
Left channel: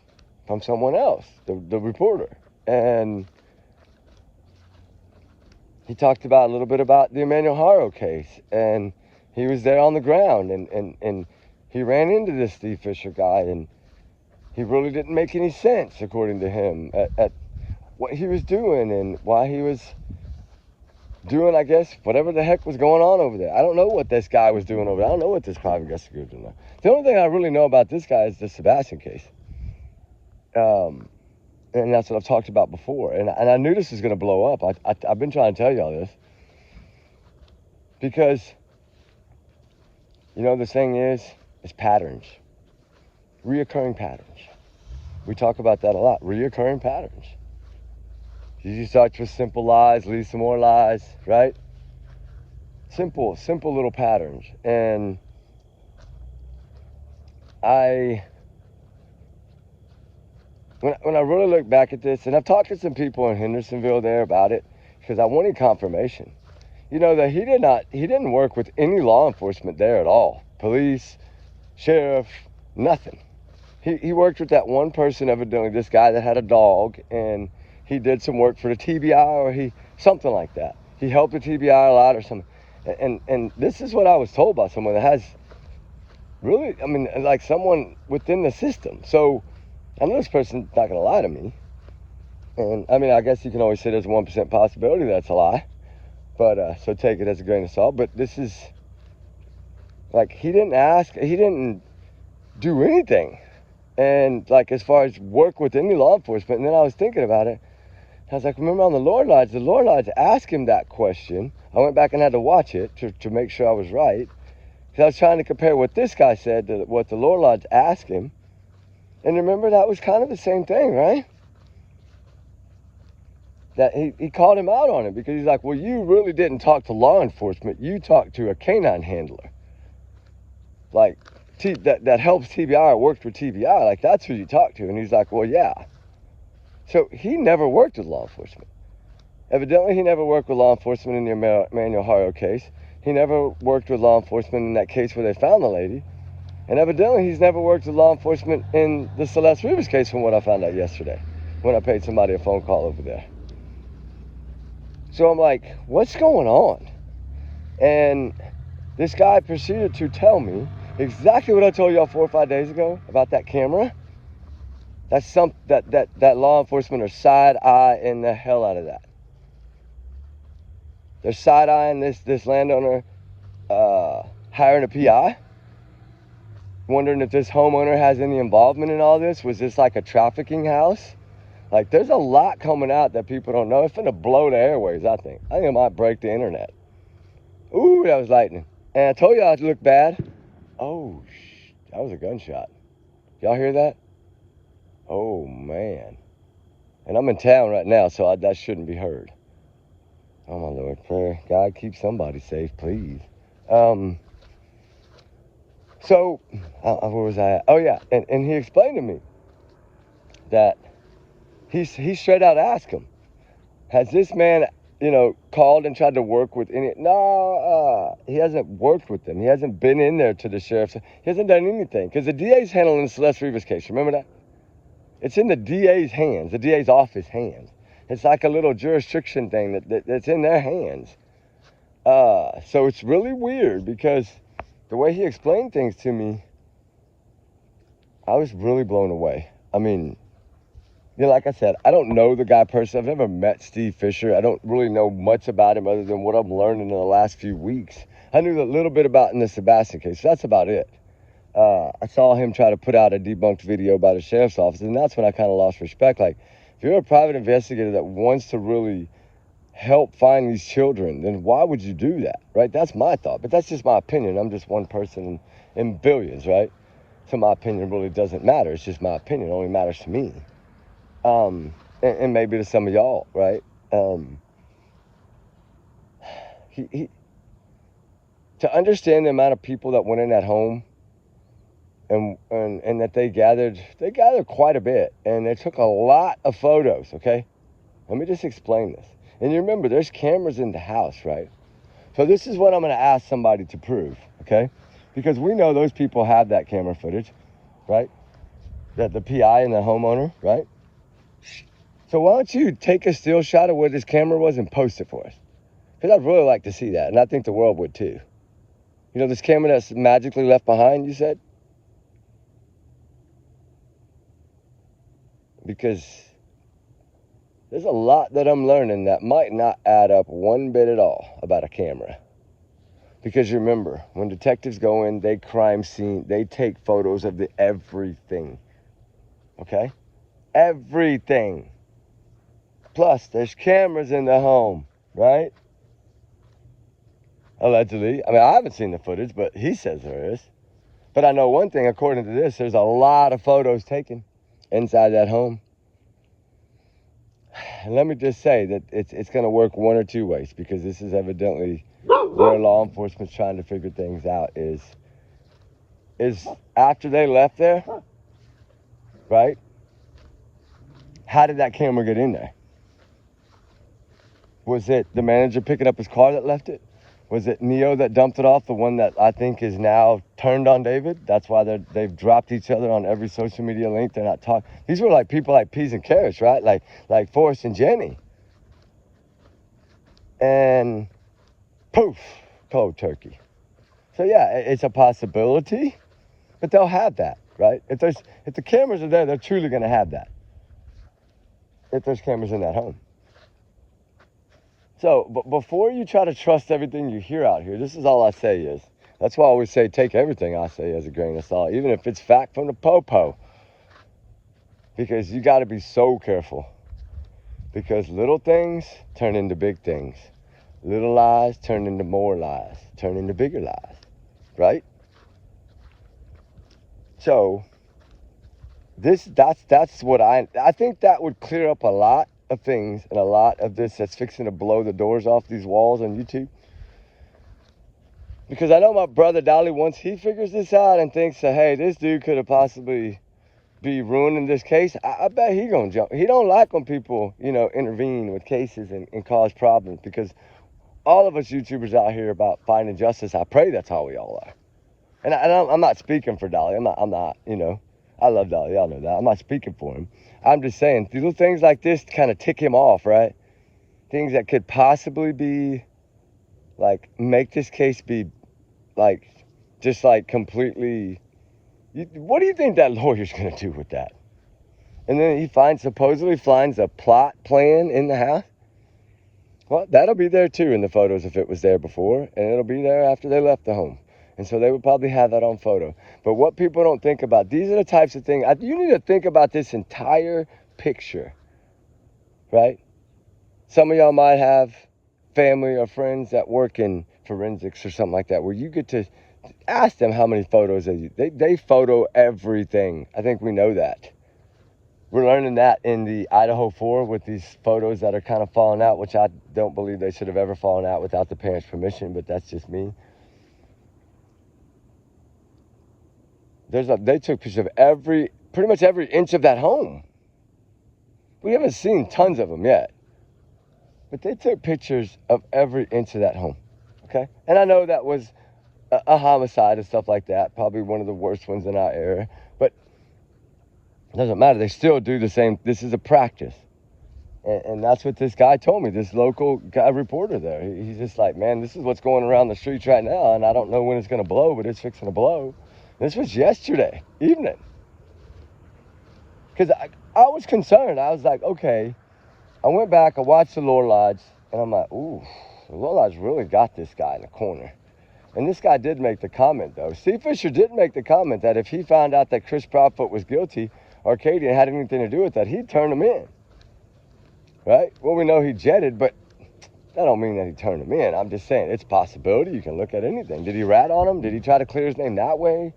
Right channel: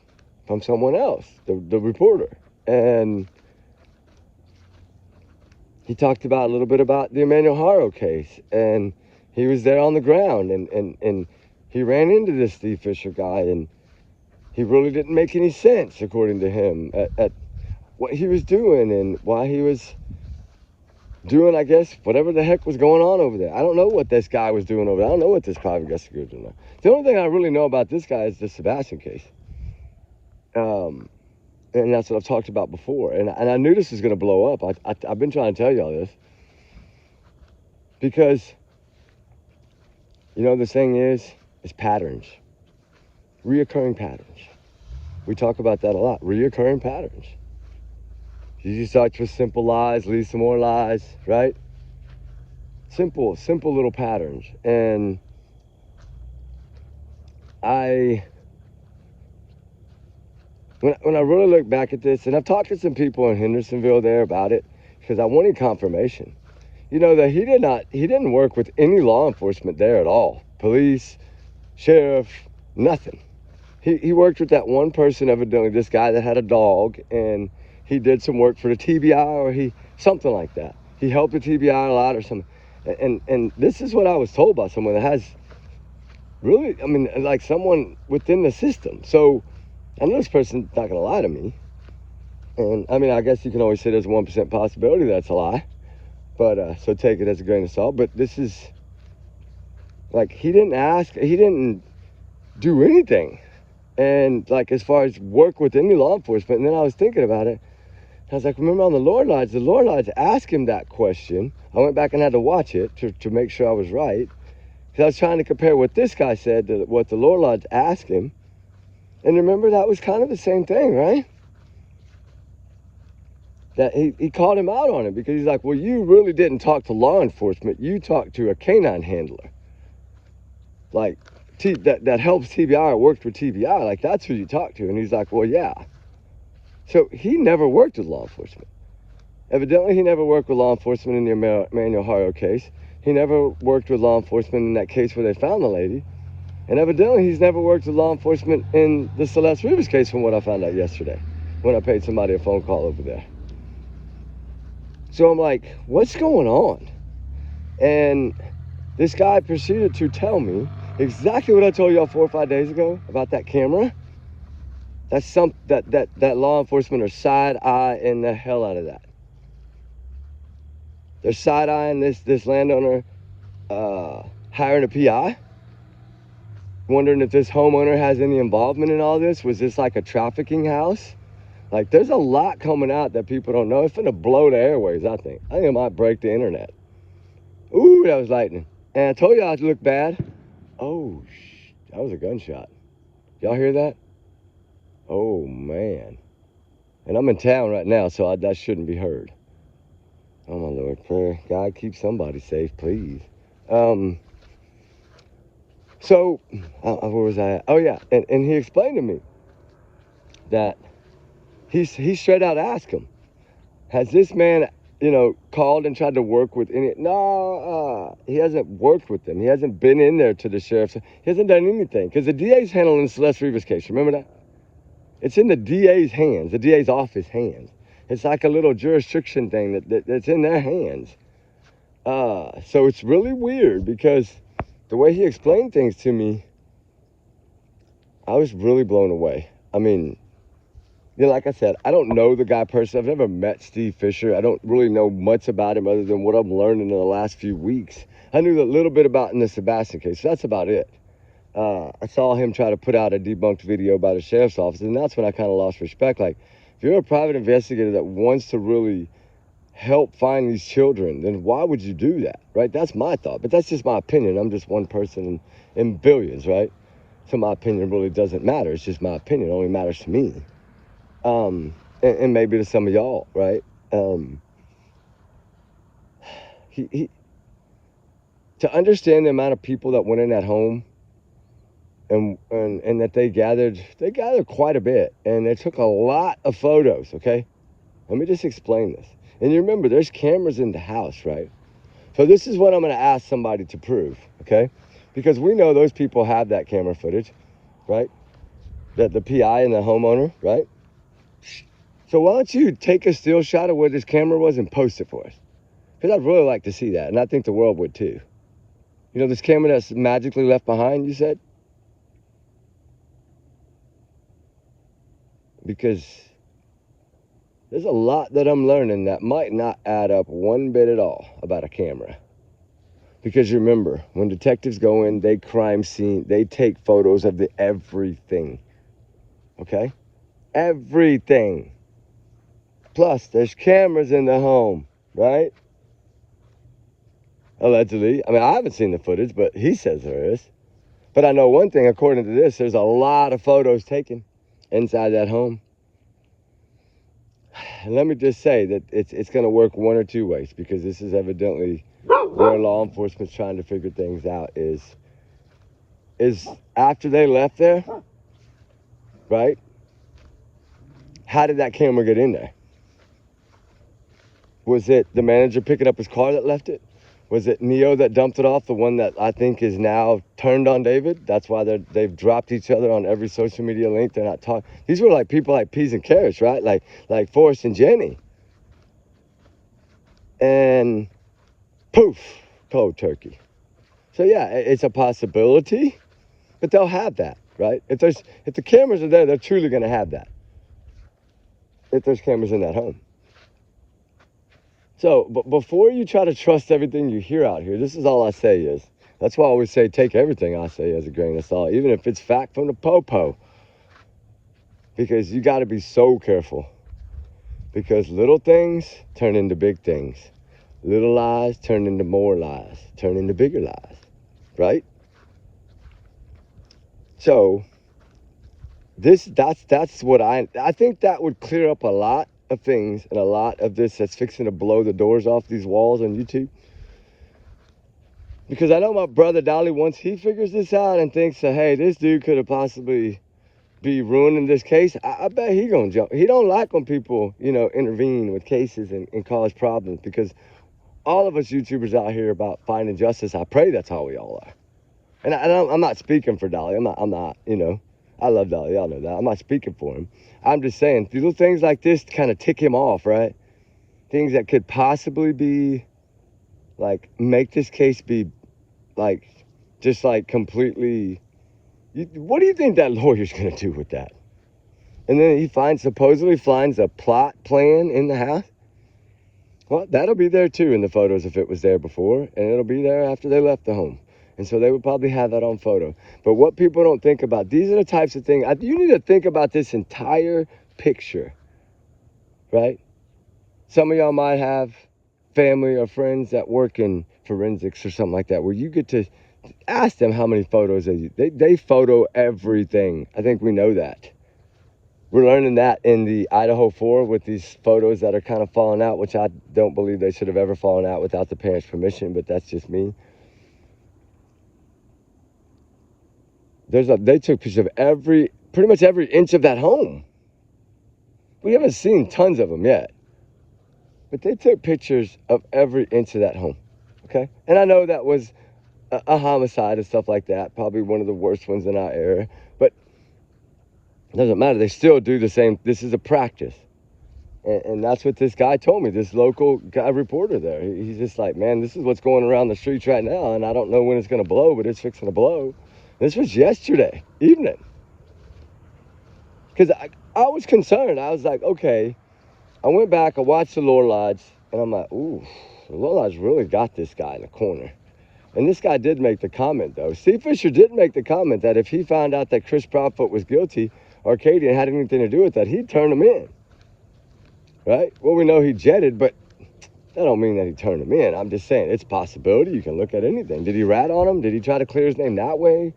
from someone else, the reporter, and he talked about a little bit about the Emmanuel Haro case, and he was there on the ground, and he ran into this Steve Fisher guy, and he really didn't make any sense, according to him, at what he was doing and why he was doing, I guess, whatever the heck was going on over there. I don't know what this guy was doing over there. I don't know what this private investigator was doing. The only thing I really know about this guy is the Sebastian case. And that's what I've talked about before. And I knew this was going to blow up. I've been trying to tell y'all this. Because, you know, the thing is patterns. Reoccurring patterns. We talk about that a lot. Reoccurring patterns. You start with simple lies, lead some more lies, right? Simple little patterns. And when I really look back at this, and I've talked to some people in Hendersonville there about it, because I wanted confirmation. You know, that he didn't work with any law enforcement there at all. Police, sheriff, nothing. He worked with that one person, evidently, this guy that had a dog, and he did some work for the TBI or something like that. He helped the TBI a lot or something. And this is what I was told by someone that has really, I mean, like someone within the system. So I know this person's not going to lie to me. And I mean, I guess you can always say there's a 1% possibility that's a lie. But so take it as a grain of salt. But this is, like, he didn't do anything. And like, as far as work with any law enforcement, and then I was thinking about it. I was like, remember on the Lord Lodge asked him that question. I went back and had to watch it to make sure I was right. Because I was trying to compare what this guy said to what the Lord Lodge asked him. And remember, that was kind of the same thing, right? That he called him out on it because he's like, well, you really didn't talk to law enforcement. You talked to a canine handler. Like, that helps TBI or worked with TBI. Like, that's who you talk to. And he's like, well, yeah. So he never worked with law enforcement. Evidently, he never worked with law enforcement in the Emmanuel Haro case. He never worked with law enforcement in that case where they found the lady. And evidently, he's never worked with law enforcement in the Celeste Rivas case from what I found out yesterday when I paid somebody a phone call over there. So I'm like, what's going on? And this guy proceeded to tell me exactly what I told y'all 4 or 5 days ago about that camera. That's that law enforcement are side-eyeing the hell out of that. They're side-eyeing this landowner hiring a PI. Wondering if this homeowner has any involvement in all this. Was this like a trafficking house? Like, there's a lot coming out that people don't know. It's gonna blow the airwaves, I think. I think it might break the internet. Ooh, that was lightning. And I told y'all it looked bad. Oh, that was a gunshot. Y'all hear that? Oh, man. And I'm in town right now, so that shouldn't be heard. Oh, my Lord, prayer. God, keep somebody safe, please. So, where was I at? Oh, yeah, and he explained to me that he straight out asked him, has this man, you know, called and tried to work with any? No, he hasn't worked with them. He hasn't been in there to the sheriff's. He hasn't done anything because the DA's handling the Celeste Rivas case. Remember that? It's in the DA's hands, the DA's office hands. It's like a little jurisdiction thing that's in their hands. So it's really weird because the way he explained things to me, I was really blown away. I mean, you know, like I said, I don't know the guy personally. I've never met Steve Fisher. I don't really know much about him other than what I've learned in the last few weeks. I knew a little bit about in the Sebastian case. So that's about it. I saw him try to put out a debunked video by the sheriff's office, and that's when I kind of lost respect. Like, if you're a private investigator that wants to really help find these children, then why would you do that, right? That's my thought, but that's just my opinion. I'm just one person in billions, right? So my opinion really doesn't matter. It's just my opinion. It only matters to me. And maybe to some of y'all, right? To understand the amount of people that went in that home and that they gathered quite a bit, and they took a lot of photos, okay? Let me just explain this. And you remember, there's cameras in the house, right? So this is what I'm going to ask somebody to prove, okay? Because we know those people have that camera footage, right? That the PI and the homeowner, right? So why don't you take a still shot of where this camera was and post it for us? Because I'd really like to see that, and I think the world would too. You know, this camera that's magically left behind, you said? Because There's a lot that I'm learning that might not add up one bit at all about a camera. Because remember, when detectives go in, they crime scene, they take photos of the everything. Okay? Everything. Plus, there's cameras in the home, right? Allegedly. I mean, I haven't seen the footage, but he says there is. But I know one thing, according to this, there's a lot of photos taken inside that home. And let me just say that it's going to work one or two ways, because this is evidently where law enforcement's trying to figure things out is after they left there, right? How did that camera get in there? Was it the manager picking up his car that left it? Was it Neo that dumped it off, the one that I think is now turned on David? That's why they've dropped each other on every social media link. They're not talking. These were like people like Peas and Carrots, right? Like Forrest and Jenny. And poof, cold turkey. So yeah, it's a possibility, but they'll have that, right? If the cameras are there, they're truly going to have that. If there's cameras in that home. So, but before you try to trust everything you hear out here, this is all I say is, that's why I always say take everything I say as a grain of salt, even if it's fact from the po-po. Because you got to be so careful. Because little things turn into big things. Little lies turn into more lies, turn into bigger lies, right? So, that's what I think that would clear up a lot of things and a lot of this that's fixing to blow the doors off these walls on YouTube. Because I know my brother Dolly, once he figures this out and thinks, hey, this dude could have possibly be ruining this case, I bet he gonna jump. He don't like when people, intervene with cases and cause problems, because all of us YouTubers out here about finding justice, I pray that's how we all are. And I'm not speaking for Dolly. I'm not, I love Dolly, y'all know that. I'm not speaking for him. I'm just saying, little things like this kind of tick him off, right? Things that could possibly be, like, make this case be, like, just, like, completely... What do you think that lawyer's going to do with that? And then he supposedly finds a plot plan in the house? Well, that'll be there, too, in the photos if it was there before. And it'll be there after they left the home. And so they would probably have that on photo. But what people don't think about, these are the types of things, you need to think about this entire picture, right? Some of y'all might have family or friends that work in forensics or something like that, where you get to ask them how many photos they photo everything. I think we know that. We're learning that in the Idaho 4 with these photos that are kind of falling out, which I don't believe they should have ever fallen out without the parents' permission, but that's just me. They took pictures of pretty much every inch of that home. We haven't seen tons of them yet, but they took pictures of every inch of that home, okay? And I know that was a homicide and stuff like that, probably one of the worst ones in our era, but it doesn't matter. They still do the same. This is a practice. And that's what this guy told me, this local guy reporter there. He's just like, man, this is what's going around the streets right now, and I don't know when it's going to blow, but it's fixing to blow. This was yesterday evening. Because I was concerned. I was like, okay. I went back, I watched the Lore Lodge, and I'm like, ooh, the Lore Lodge really got this guy in the corner. And this guy did make the comment, though. Steve Fisher did make the comment that if he found out that Chris Proudfoot was guilty, Arcadia had anything to do with that, he'd turn him in. Right? Well, we know he jetted, but that don't mean that he turned him in. I'm just saying, it's a possibility. You can look at anything. Did he rat on him? Did he try to clear his name that way?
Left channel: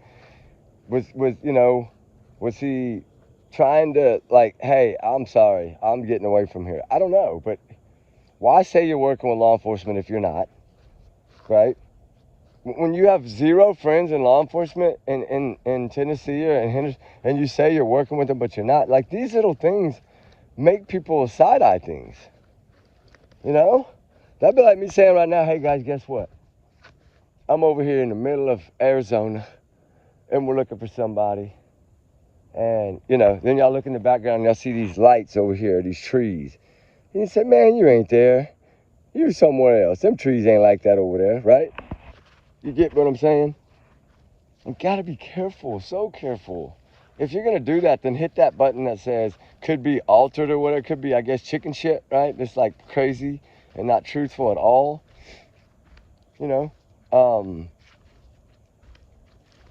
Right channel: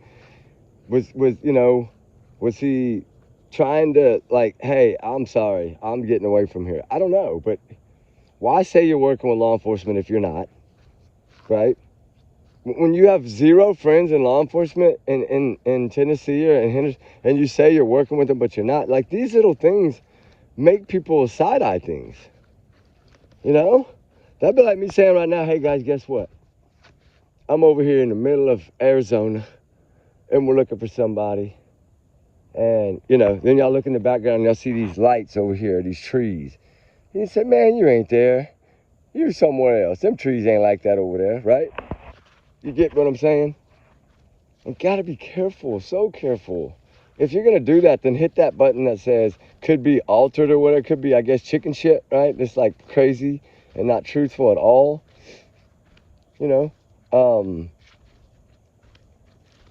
Was he trying to, like, hey, I'm sorry, I'm getting away from here? I don't know, but why say you're working with law enforcement if you're not, right? When you have zero friends in law enforcement in Tennessee or in Henderson, and you say you're working with them, but you're not, like, these little things make people side-eye things, That'd be like me saying right now, hey, guys, guess what? I'm over here in the middle of Arizona, and we're looking for somebody. And, then y'all look in the background and y'all see these lights over here, these trees. And you say, man, you ain't there. You're somewhere else. Them trees ain't like that over there, right? You get what I'm saying? You gotta be careful, so careful. If you're gonna do that, then hit that button that says, could be altered or whatever. It could be, I guess, chicken shit, right? It's like crazy and not truthful at all. You know,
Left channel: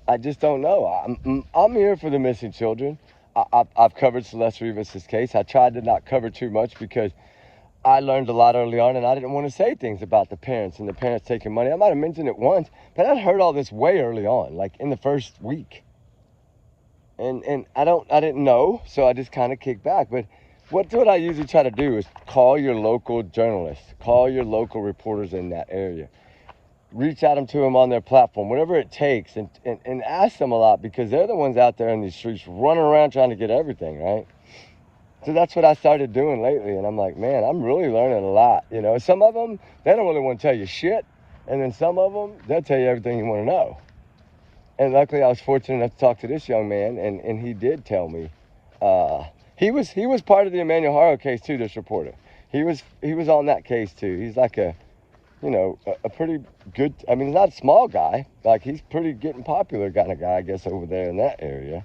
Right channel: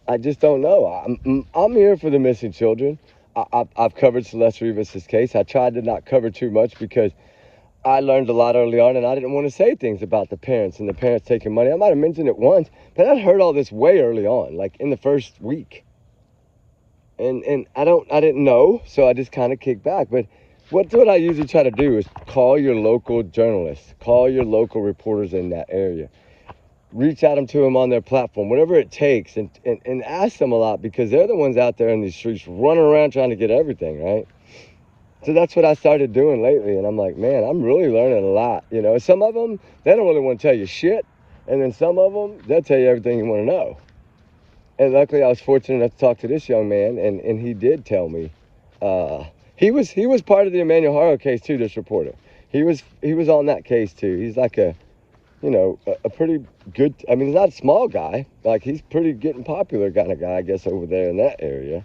I just don't know. I'm here for the missing children. I've covered Celeste Rivas' case. I tried to not cover too much because I learned a lot early on, and I didn't want to say things about the parents and the parents taking money. I might have mentioned it once, but I'd heard all this way early on, like in the first week. And I didn't know, so I just kind of kicked back. But what I usually try to do is call your local journalists, call your local reporters in that area, reach out to them on their platform, whatever it takes, and ask them a lot, because they're the ones out there in these streets running around trying to get everything, right? So that's what I started doing lately, and I'm like, man, I'm really learning a lot. You know, some of them, they don't really want to tell you shit, and then some of them, they'll tell you everything you want to know. And luckily, I was fortunate enough to talk to this young man, and he did tell me. He was part of the Emmanuel Harlow case too. This reporter, he was on that case too. He's like a pretty good. I mean, he's not a small guy. Like, he's pretty getting popular kind of guy, I guess, over there in that area.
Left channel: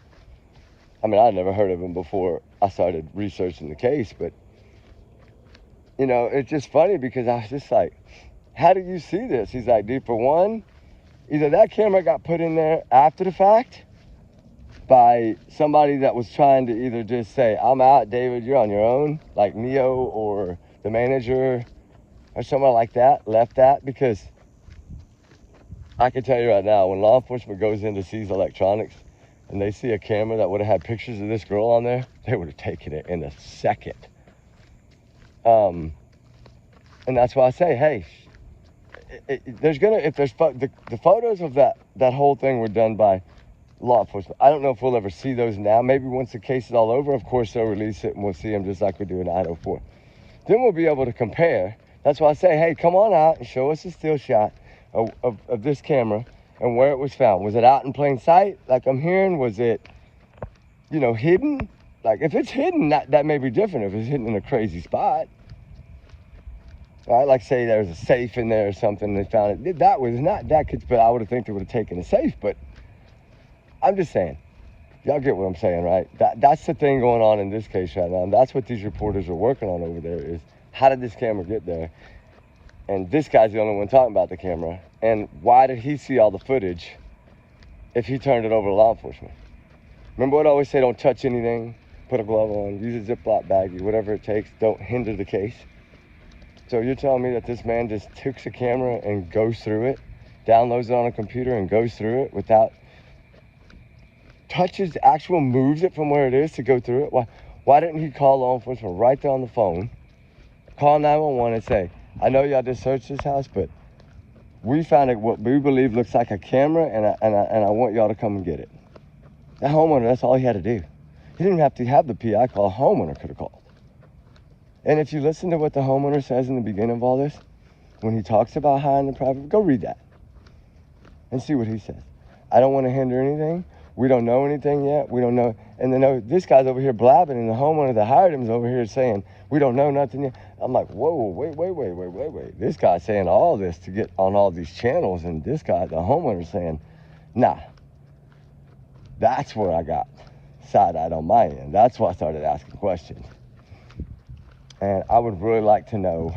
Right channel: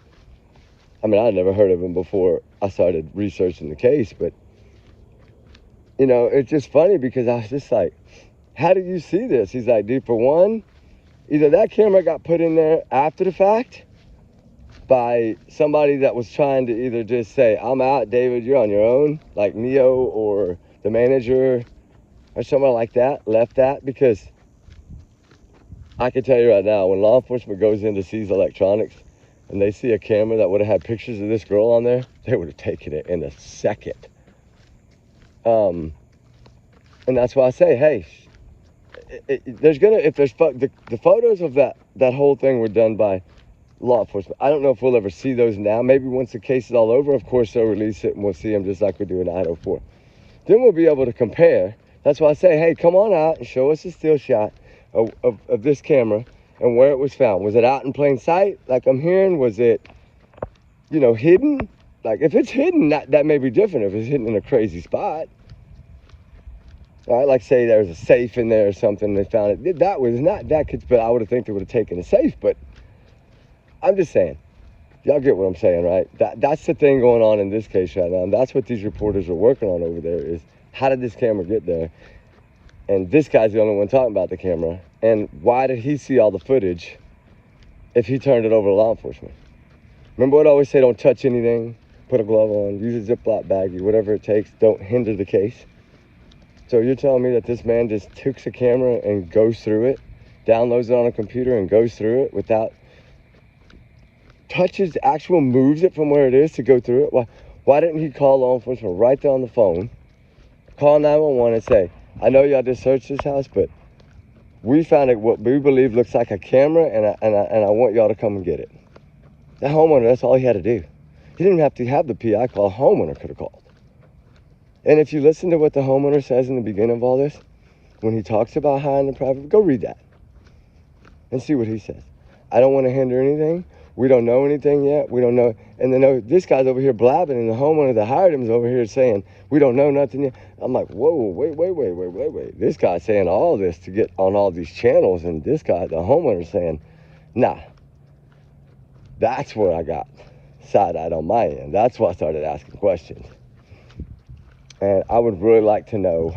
I mean, I'd never heard of him before I started researching the case, but you know, it's just funny because I was just like, how do you see this? He's like, dude, for one, either that camera got put in there after the fact by somebody that was trying to either just say, I'm out, David, you're on your own, like Neo or the manager or someone like that left that, because I can tell you right now, when law enforcement goes in to seize electronics and they see a camera that would have had pictures of this girl on there, they would have taken it in a second. And that's why I say, hey, the photos of that whole thing were done by law enforcement. I don't know if we'll ever see those now. Maybe once the case is all over, of course, they'll release it and we'll see them just like we do in Idaho 4. Then we'll be able to compare. That's why I say, hey, come on out and show us a still shot of this camera and where it was found. Was it out in plain sight, like I'm hearing? Was it, hidden? Like, if it's hidden, that may be different. If it's hidden in a crazy spot. Right, like say there was a safe in there or something, they found it. That was not that could, but I would have think they would have taken a safe. But I'm just saying, y'all get what I'm saying, right? That's the thing going on in this case right now. And that's what these reporters are working on over there, is how did this camera get there? And this guy's the only one talking about the camera. And why did he see all the footage if he turned it over to law enforcement? Remember what I always say, don't touch anything, put a glove on, use a Ziploc baggie, whatever it takes, don't hinder the case. So you're telling me that this man just takes a camera and goes through it, downloads it on a computer and goes through it without moves it from where it is to go through it? Why didn't he call law enforcement right there on the phone, call 911 and say, I know y'all just searched this house, but we found it what we believe looks like a camera, and I want y'all to come and get it. That homeowner, that's all he had to do. He didn't have to have the PI call. A homeowner could have called. And if you listen to what the homeowner says in the beginning of all this, when he talks about hiding the private, go read that and see what he says. I don't want to hinder anything. We don't know anything yet. We don't know. And then this guy's over here blabbing, and the homeowner that hired him is over here saying, we don't know nothing yet. I'm like, whoa, wait. This guy's saying all this to get on all these channels, and this guy, the homeowner, saying, nah. That's where I got side-eyed on my end. That's why I started asking questions. And I would really like to know,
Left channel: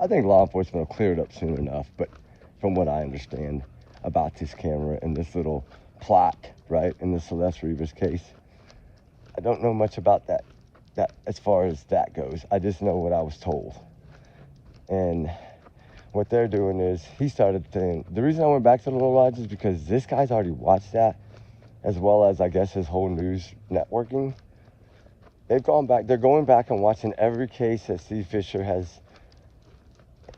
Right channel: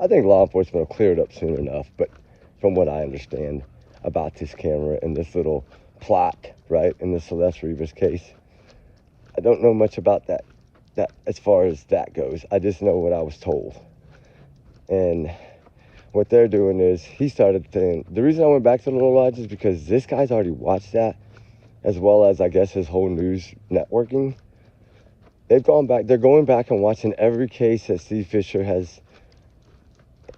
I think law enforcement will clear it up soon enough, but from what I understand about this camera and this little plot, right, in the Celeste Rivas case, I don't know much about that as far as that goes. I just know what I was told. And what they're doing is, he started saying, the reason I went back to the Little Lodge is because this guy's already watched that, as well as, I guess, his whole news networking. They're going back and watching every case that Steve Fisher has.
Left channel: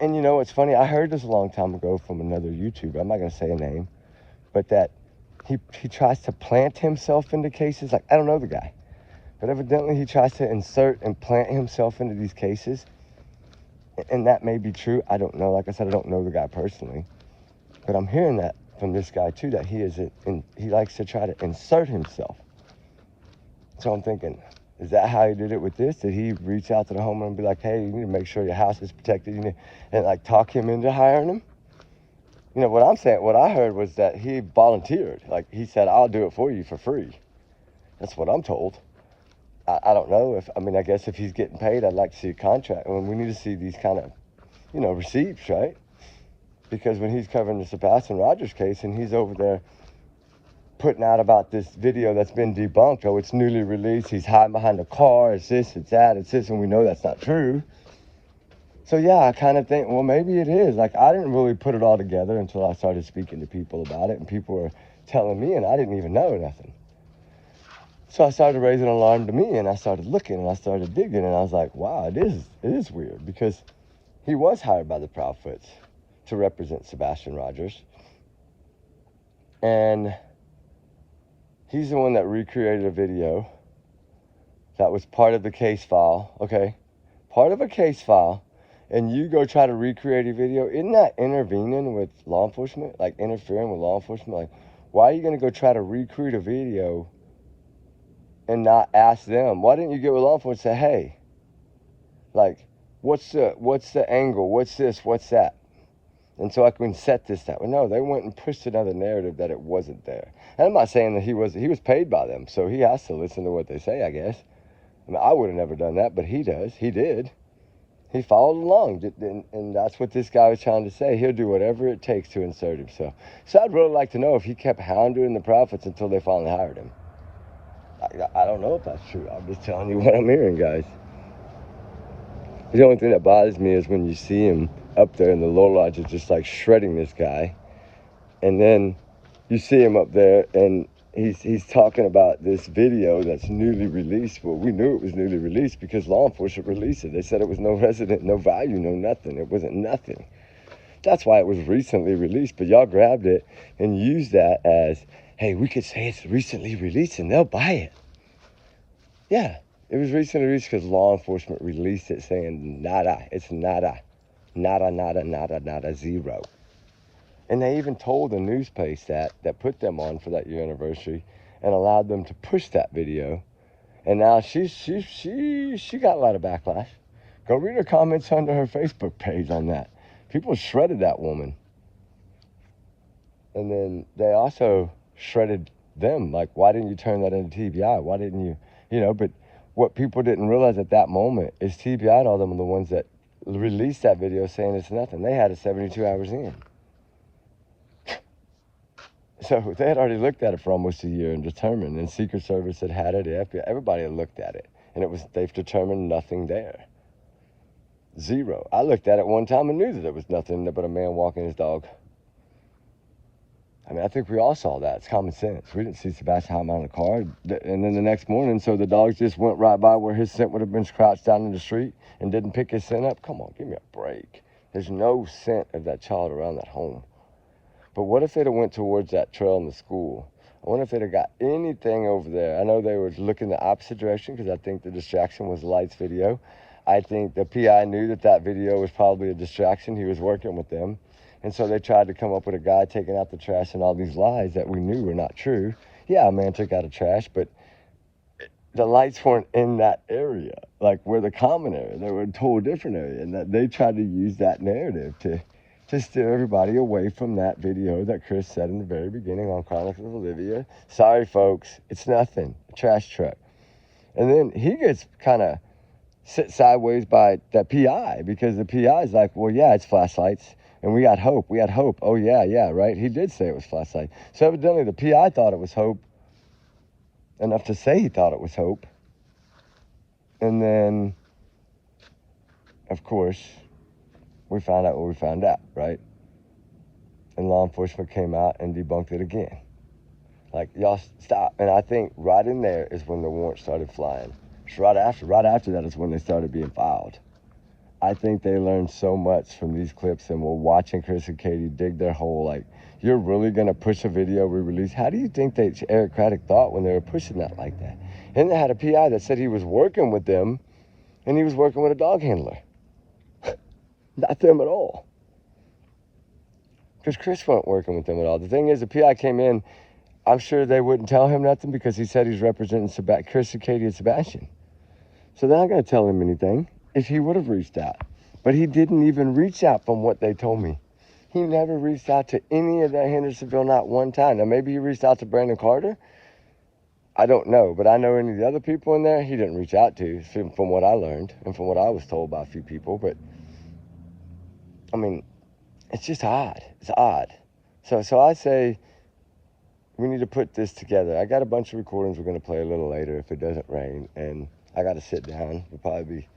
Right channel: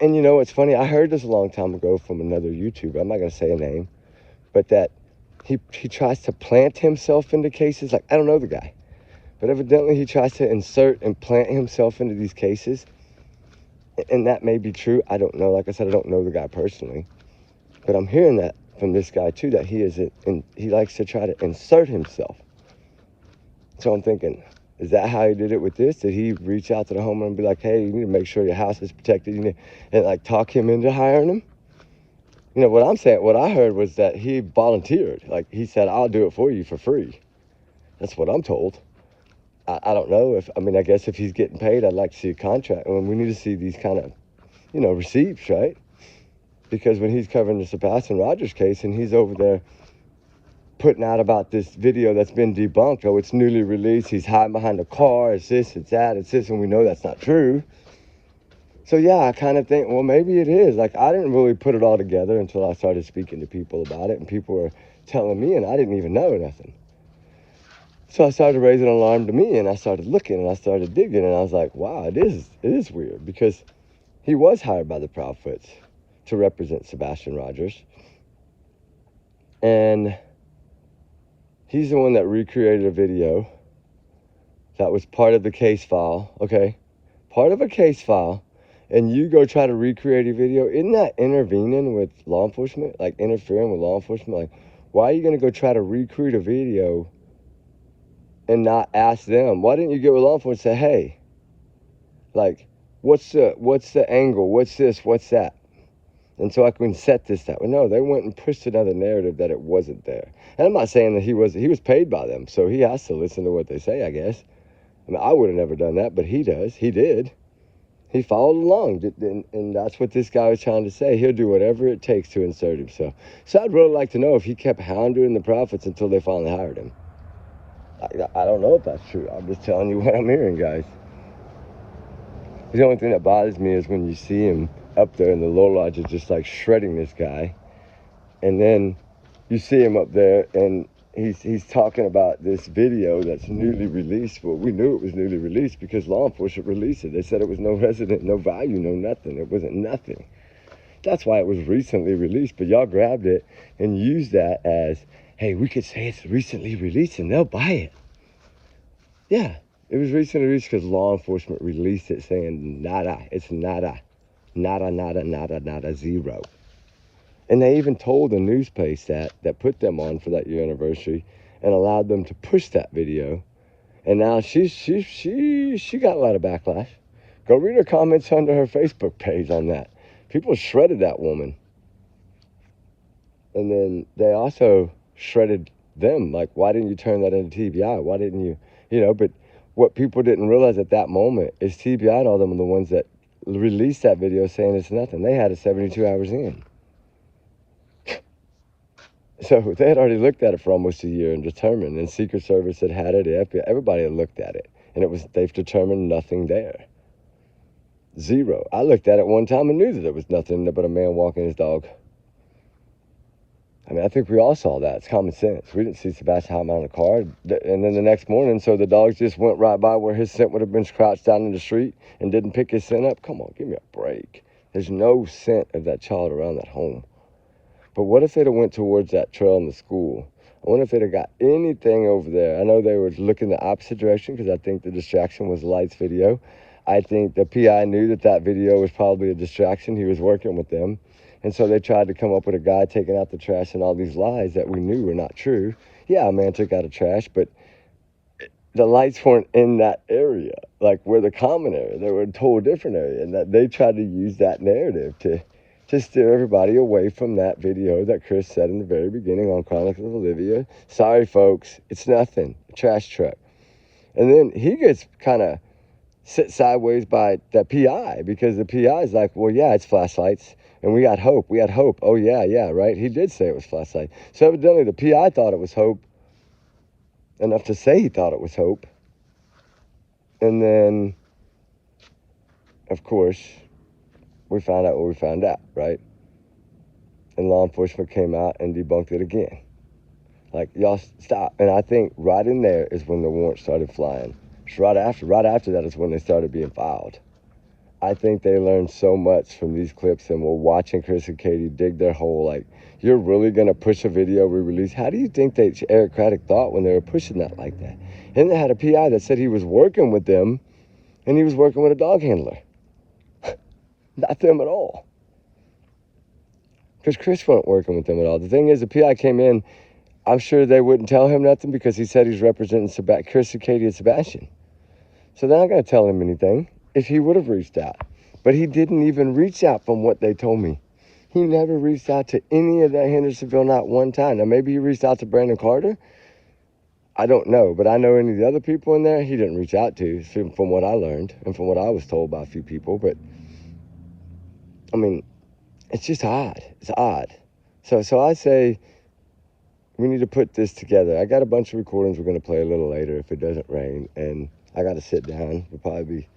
And it's funny, I heard this a long time ago from another YouTuber, I'm not going to say a name, but that he tries to plant himself into cases. Like, I don't know the guy, but evidently he tries to insert and plant himself into these cases. And that may be true, I don't know. Like I said, I don't know the guy personally, but I'm hearing that from this guy too, that he likes to try to insert himself. So I'm thinking, is that how he did it with this? Did he reach out to the homeowner and be like, hey, you need to make sure your house is protected, and like talk him into hiring him? What I'm saying, what I heard was that he volunteered. Like, he said, I'll do it for you for free. That's what I'm told. I don't know if, I mean, I guess if he's getting paid, I'd like to see a contract. I mean, we need to see these kind of, you know, receipts, right? Because when he's covering the Sebastian Rogers case and he's over there putting out about this video that's been debunked, oh, it's newly released, he's hiding behind a car, it's this, it's that, it's this, and we know that's not true. So yeah, I kind of think, well, maybe it is. Like, I didn't really put it all together until I started speaking to people about it, and people were telling me, and I didn't even know nothing. So I started raising an alarm to me, and I started looking, and I started digging, and I was like, wow, it is weird, because he was hired by the Proudfoots to represent Sebastian Rogers. And he's the one that recreated a video that was part of the case file, okay? Part of a case file, and you go try to recreate a video. Isn't that intervening with law enforcement? Like, interfering with law enforcement? Like, why are you going to go try to recreate a video and not ask them? Why didn't you get with law enforcement and say, hey, like, what's the angle? What's this? What's that? And so I can set this that way. No, they went and pushed another narrative that it wasn't there. And I'm not saying that he was paid by them, so he has to listen to what they say, I guess. I mean, I would have never done that, but he does. He did. He followed along, and that's what this guy was trying to say. He'll do whatever it takes to insert himself. So I'd really like to know if he kept hounding the Prophets until they finally hired him. I don't know if that's true. I'm just telling you what I'm hearing, guys. The only thing that bothers me is when you see him up there and the low lodge is just like shredding this guy. And then you see him up there and he's talking about this video that's newly released. Well, we knew it was newly released because law enforcement released it. They said it was no resident, no value, no nothing. It wasn't nothing. That's why it was recently released. But y'all grabbed it and used that as, hey, we could say it's recently released and they'll buy it. Yeah, it was recently released because law enforcement released it saying nada. It's nada. Nada, nada, nada, nada, zero. And they even told the news place that put them on for that year anniversary and allowed them to push that video. And now she got a lot of backlash. Go read her comments under her Facebook page on that. People shredded that woman. And then they also shredded them. Like, why didn't you turn that into TBI? Why didn't you, you know, but what people didn't realize at that moment is TBI told them the ones that released that video saying it's nothing. They had it 72 hours in. So they had already looked at it for almost a year and determined, and Secret Service had it, the FBI, everybody had looked at it, and they've determined nothing there. Zero. I looked at it one time and knew that there was nothing but a man walking his dog. I mean, I think we all saw that. It's common sense. We didn't see Sebastian hiding on the car, and then the next morning, so the dogs just went right by where his scent would have been crouched down in the street and didn't pick his scent up. Come on, give me a break. There's no scent of that child around that home. But what if they'd have went towards that trail in the school? I wonder if they'd have got anything over there. I know they were looking the opposite direction because I think the distraction was Light's video. I think the PI knew that video was probably a distraction. He was working with them. And so they tried to come up with a guy taking out the trash and all these lies that we knew were not true. Yeah, a man took out the trash, but the lights weren't in that area, like where the common area. They were in a whole different area. And that they tried to use that narrative to steer everybody away from that video that Chris said in the very beginning on Chronicles of Olivia. Sorry, folks, it's nothing. A trash truck. And then he gets kind of sit sideways by the PI because the PI is like, well, yeah, it's flashlights. And we got hope. We had hope. Oh, yeah, right? He did say it was flashlight. So evidently the PI thought it was hope. Enough to say he thought it was hope. And then, of course, we found out what we found out, right? And law enforcement came out and debunked it again. Like, y'all stop. And I think right in there is when the warrant started flying. Right after that is when they started being filed. I think they learned so much from these clips and were watching Chris and Katie dig their hole. Like, you're really going to push a video we released? How do you think Eric Craddock thought when they were pushing that like that? And they had a PI that said he was working with them and he was working with a dog handler. Not them at all. Because Chris wasn't working with them at all. The thing is, the PI came in, I'm sure they wouldn't tell him nothing because he said he's representing Chris and Katie and Sebastian. So they're not going to tell him anything if he would have reached out. But he didn't even reach out from what they told me. He never reached out to any of that Hendersonville, not one time. Now, maybe he reached out to Brandon Carter. I don't know, but I know any of the other people in there he didn't reach out to, from what I learned and from what I was told by a few people. But I mean, it's just odd. It's odd. So I say we need to put this together. I got a bunch of recordings we're going to play a little later if it doesn't rain, and I got to sit down. We'll probably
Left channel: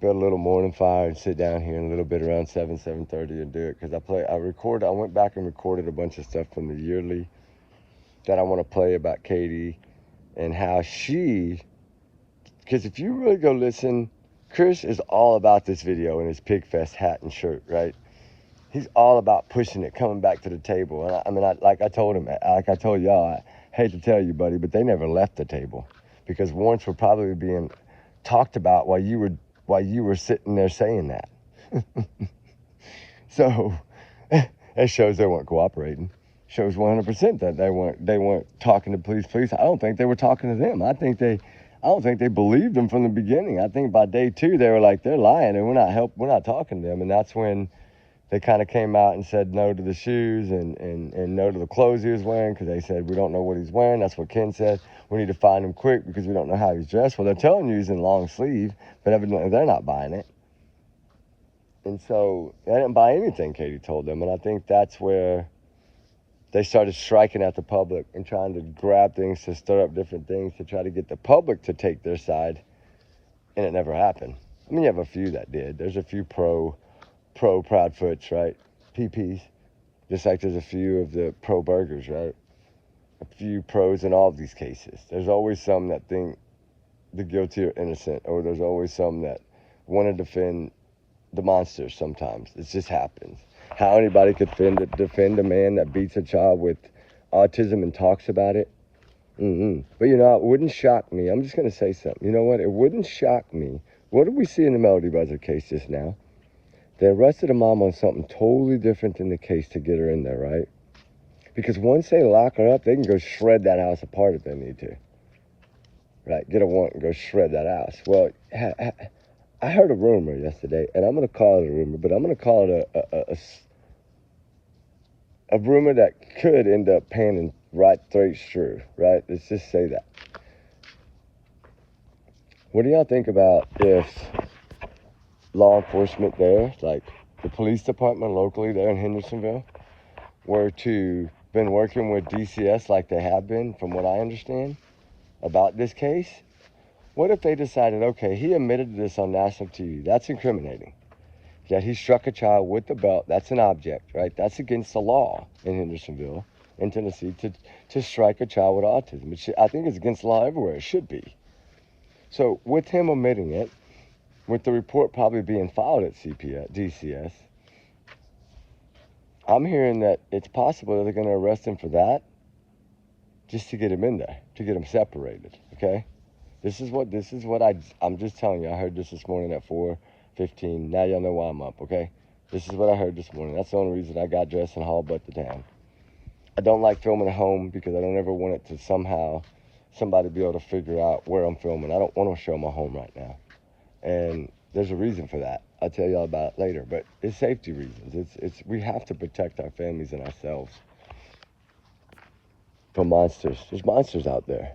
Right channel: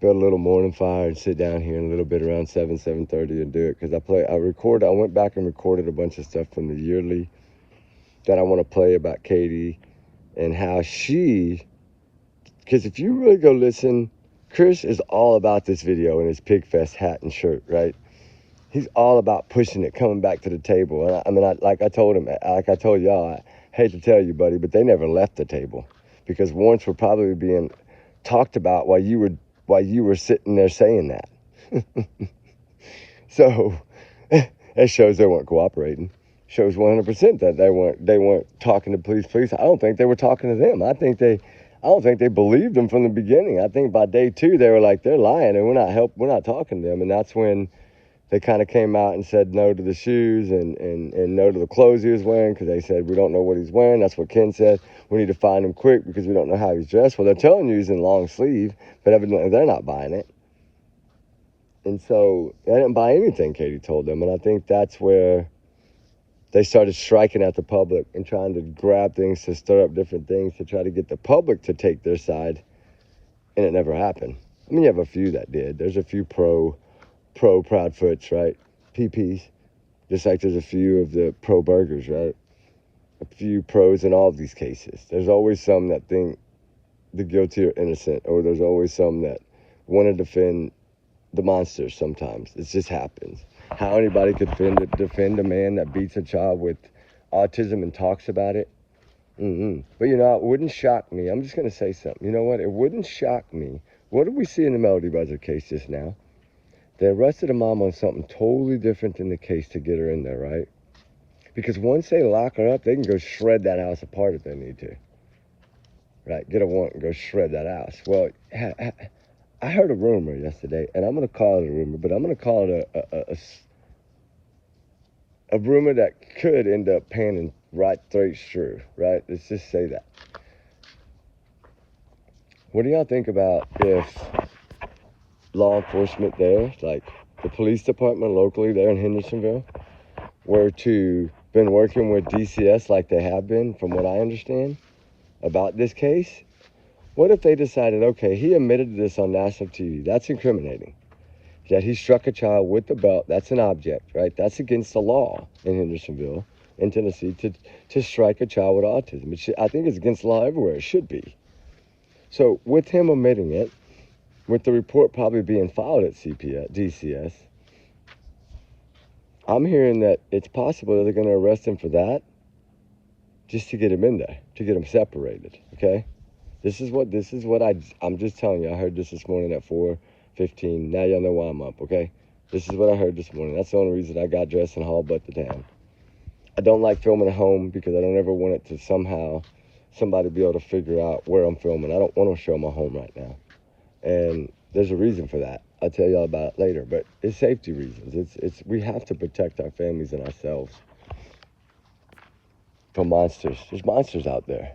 build a little morning fire and sit down here in a little bit around 7:30 and do it, because I went back and recorded a bunch of stuff from the yearly that I want to play about Katie and how because if you really go listen, Chris is all about this video in his Pigfest hat and shirt, right? He's all about pushing it, coming back to the table. I mean, like I told y'all, I hate to tell you, buddy, but they never left the table, because warrants were probably being talked about while you were sitting there saying that. So it shows they weren't cooperating. Shows 100% that they weren't talking to police. I don't think they were talking to them. I don't think they believed them from the beginning. I think by day 2 they were like, they're lying and we're not talking to them. And that's when they kind of came out and said no to the shoes and no to the clothes he was wearing, because they said, we don't know what he's wearing. That's what Ken said. We need to find him quick because we don't know how he's dressed. Well, they're telling you he's in long sleeve, but evidently they're not buying it. And so they didn't buy anything Katie told them. And I think that's where they started striking at the public and trying to grab things to stir up different things to try to get the public to take their side. And it never happened. I mean, you have a few that did. There's a few pro Proudfoots, right? PPs. Just like there's a few of the pro burgers, right? A few pros in all of these cases. There's always some that think the guilty are innocent, or there's always some that want to defend the monsters sometimes. It just happens. How anybody could defend a man that beats a child with autism and talks about it. But you know, it wouldn't shock me. I'm just going to say something. You know what? It wouldn't shock me. What did we see in the Melody Buzzard case just now? They arrested a mom on something totally different than the case to get her in there, right? Because once they lock her up, they can go shred that house apart if they need to. Right? Get a warrant and go shred that house. Well, I heard a rumor yesterday, and I'm going to call it a rumor, but I'm going to call it a rumor that could end up panning right straight through, right? Let's just say that. What do y'all think about if law enforcement there, like the police department locally there in Hendersonville, were to been working with DCS like they have been, from what I understand, about this case? What if they decided, okay, he admitted to this on national TV. That's incriminating. That he struck a child with the belt, that's an object, right? That's against the law in Hendersonville, in Tennessee, to strike a child with autism. I think it's against the law everywhere. It should be. So with him omitting it, with the report probably being filed at DCS, I'm hearing that it's possible that they're going to arrest him for that, just to get him in there, to get him separated, okay? This is what I'm just telling you. I heard this morning at 4:15. Now y'all know why I'm up, okay? This is what I heard this morning. That's the only reason I got dressed and hauled butt to town. I don't like filming at home because I don't ever want it to somehow somebody be able to figure out where I'm filming. I don't want to show my home right now. And there's a reason for that. I'll tell y'all about it later. But it's safety reasons. We have to protect our families and ourselves from monsters. There's monsters out there.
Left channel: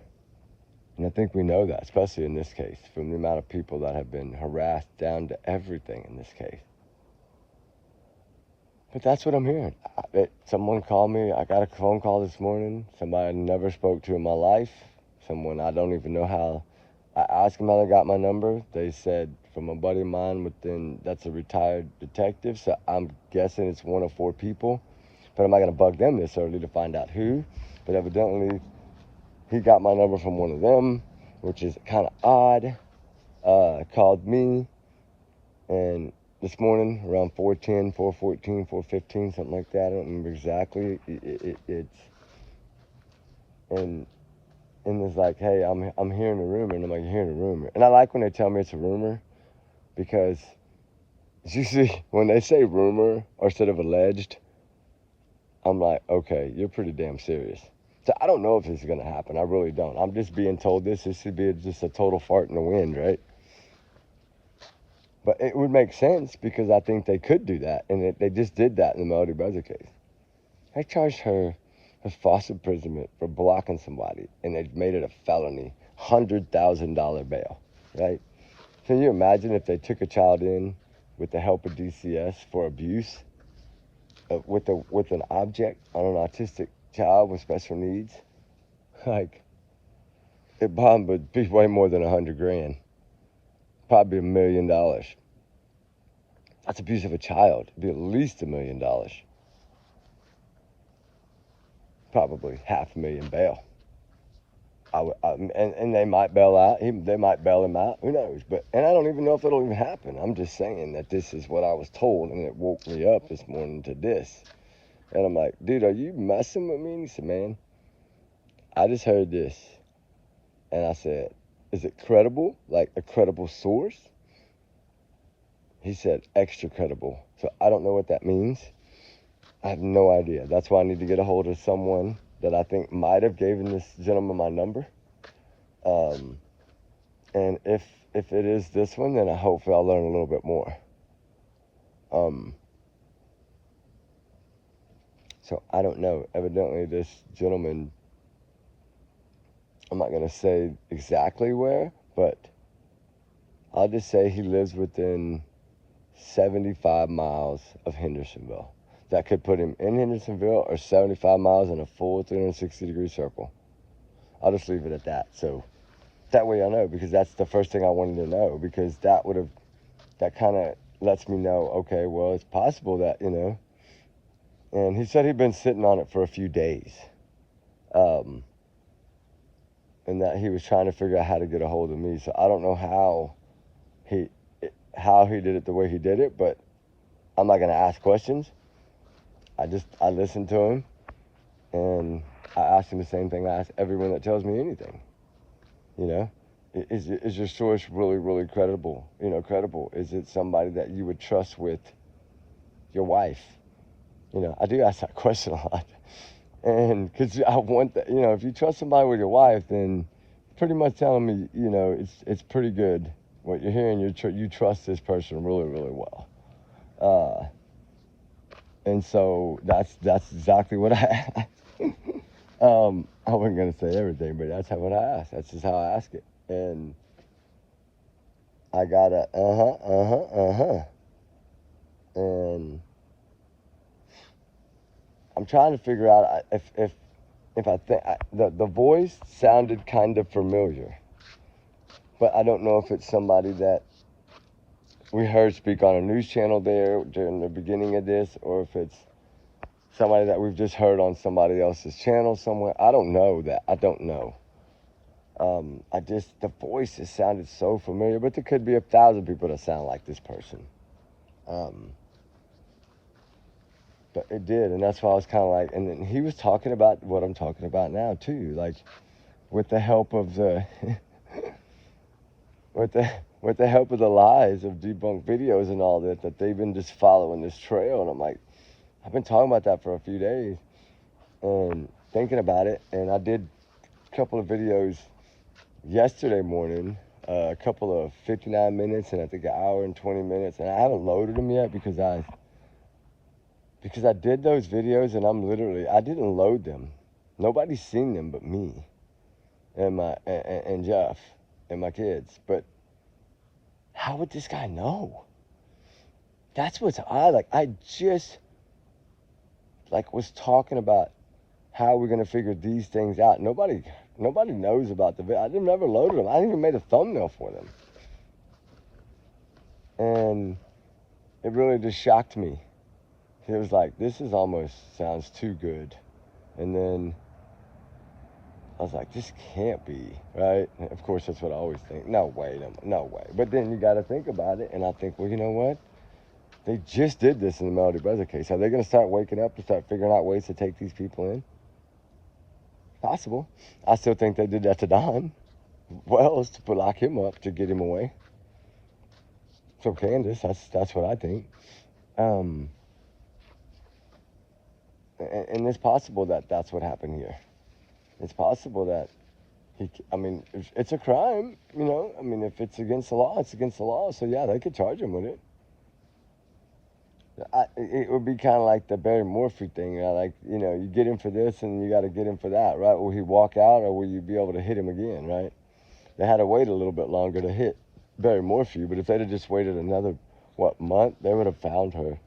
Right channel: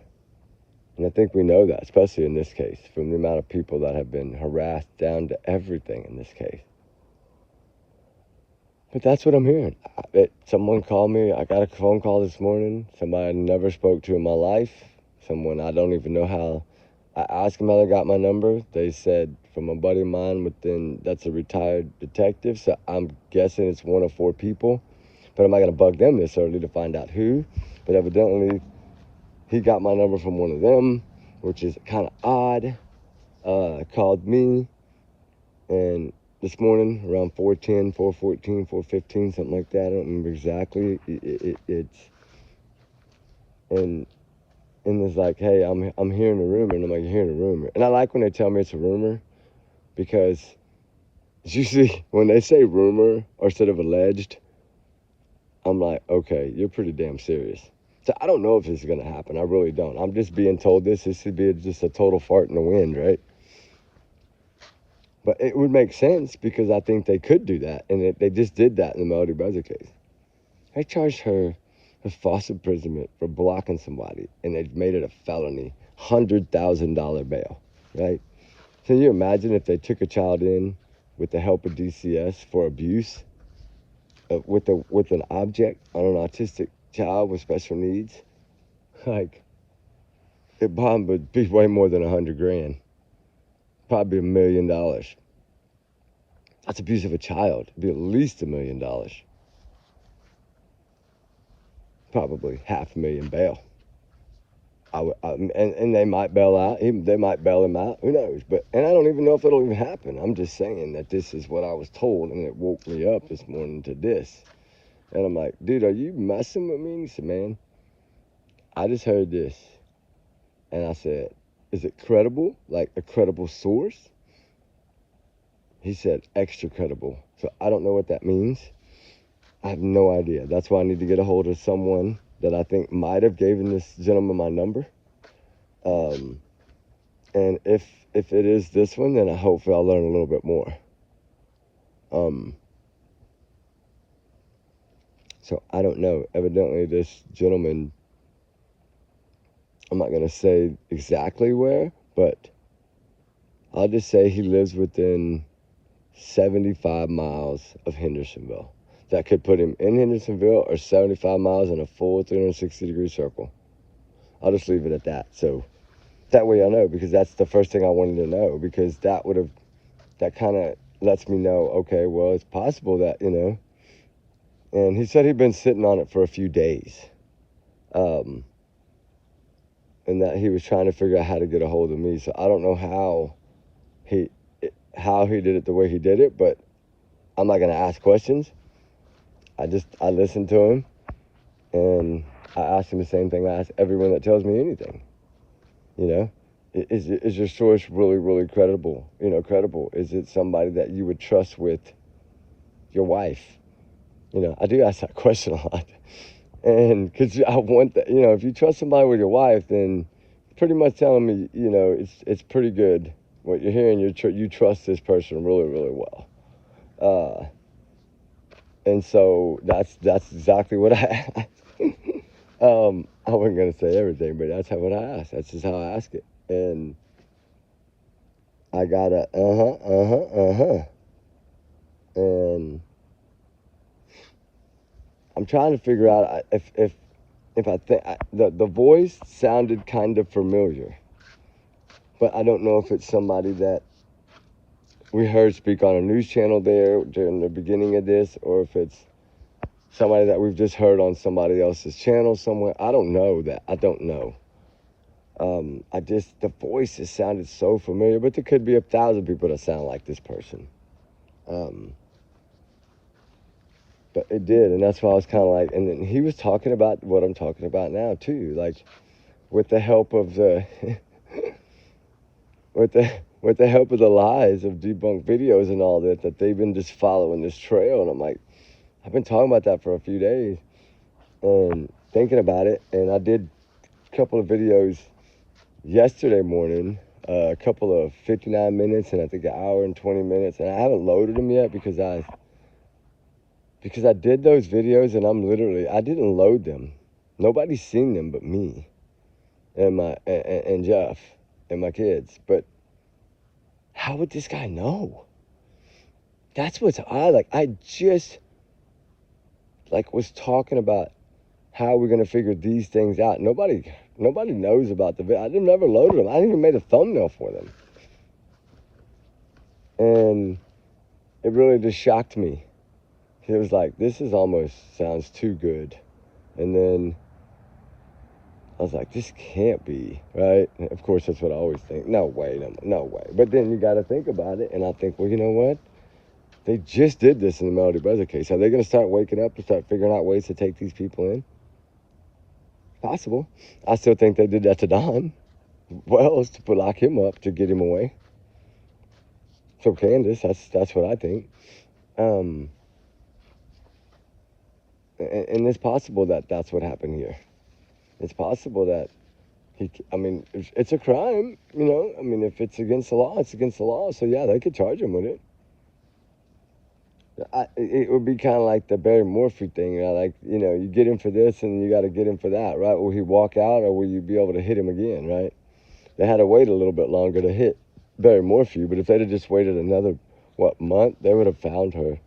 And I think we know that, especially in this case, from the amount of people that have been harassed down to everything in this case. But that's what I'm hearing. Someone called me. I got a phone call this morning. Somebody I never spoke to in my life. Someone I don't even know how. I asked them how they got my number. They said from a buddy of mine that's a retired detective. So I'm guessing it's one of 4 people. But I'm not going to bug them this early to find out who. But evidently, he got my number from one of them, which is kind of odd. Called me, and this morning around 4:10, 4:14, 4:15, something like that. I don't remember exactly. And it's like, hey, I'm hearing a rumor, and I'm like, hearing a rumor. And I like when they tell me it's a rumor, because usually when they say rumor or instead of alleged, I'm like, okay, you're pretty damn serious. So I don't know if this is going to happen. I really don't. I'm just being told this should be just a total fart in the wind, right? But it would make sense because I think they could do that. And they just did that in the Melody Buzzard case. They charged her false imprisonment for blocking somebody, and they've made it a felony, $100,000 bail, right? So you imagine if they took a child in with the help of DCS for abuse with an object on an autistic child with special needs, like, it bond would be way more than $100,000, probably $1 million. That's abuse of a child. It'd be at least $1 million. Probably $500,000 bail. And they might bail out. They might bail him out. Who knows? And I don't even know if it'll even happen. I'm just saying that this is what I was told, and it woke me up this morning to this. And I'm like, dude, are you messing with me? He said, man, I just heard this. And I said, is it credible? Like a credible source? He said, extra credible. So I don't know what that means. I have no idea. That's why I need to get a hold of someone that I think might have given this gentleman my number. And if it is this one, then I hopefully I'll learn a little bit more. So I don't know. Evidently, this gentleman, I'm not going to say exactly where, but I'll just say he lives within 75 miles of Hendersonville. That could put him in Hendersonville or 75 miles in a full 360-degree circle. I'll just leave it at that. So that way I know, because that's the first thing I wanted to know, because that kind of lets me know, okay, well, it's possible that, and he said he'd been sitting on it for a few days. And that he was trying to figure out how to get a hold of me. So I don't know how he did it the way he did it, but I'm not going to ask questions. I listened to him, and I asked him the same thing I ask everyone that tells me anything. Is your source really, really credible? Credible. Is it somebody that you would trust with your wife? I do ask that question a lot. And because I want that, if you trust somebody with your wife, then pretty much telling me, it's pretty good. What you're hearing, you trust this person really, really well. And so that's exactly what I asked. I wasn't going to say everything, but that's what I asked. That's just how I ask it. And I got a I'm trying to figure out if I think the voice sounded kind of familiar, but I don't know if it's somebody that we heard speak on a news channel there during the beginning of this, or if it's somebody that we've just heard on somebody else's channel somewhere. I don't know that. I don't know. The voice just sounded so familiar, but there could be 1,000 people that sound like this person. But it did, and that's why I was kind of like, and then he was talking about what I'm talking about now too, like with the help of the, with the help of the lies of debunked videos and all that they've been just following this trail. And I'm like, I've been talking about that for a few days, thinking about it, and I did a couple of videos yesterday morning, a couple of 59 minutes and I think an hour and 20 minutes, and I haven't loaded them yet because I did those videos and I didn't load them. Nobody's seen them but me and Jeff and my kids. But how would this guy know? That's what's odd. Like, I just was talking about how we're gonna figure these things out. Nobody knows about the video. I didn't ever load them. I didn't even made a thumbnail for them. And it really just shocked me. It was like, this is almost sounds too good. And then I was like, this can't be, right? And of course, that's what I always think. No way. But then you got to think about it. And I think, well, you know what? They just did this in the Melody Bezer case. Are they going to start waking up and start figuring out ways to take these people in? Possible. I still think they did that to Don Wells to lock him up, to get him away. So Candace, that's what I think. And it's possible that that's what happened here. It's possible that it's a crime, if it's against the law, it's against the law. So yeah, they could charge him with it. It would be kind of like the Barry Morphy thing, like, you get him for this and you got to get him for that, right? Will he walk out or will you be able to hit him again, right? They had to wait a little bit longer to hit Barry Morphy, but if they'd have just waited another, month, they would have found her.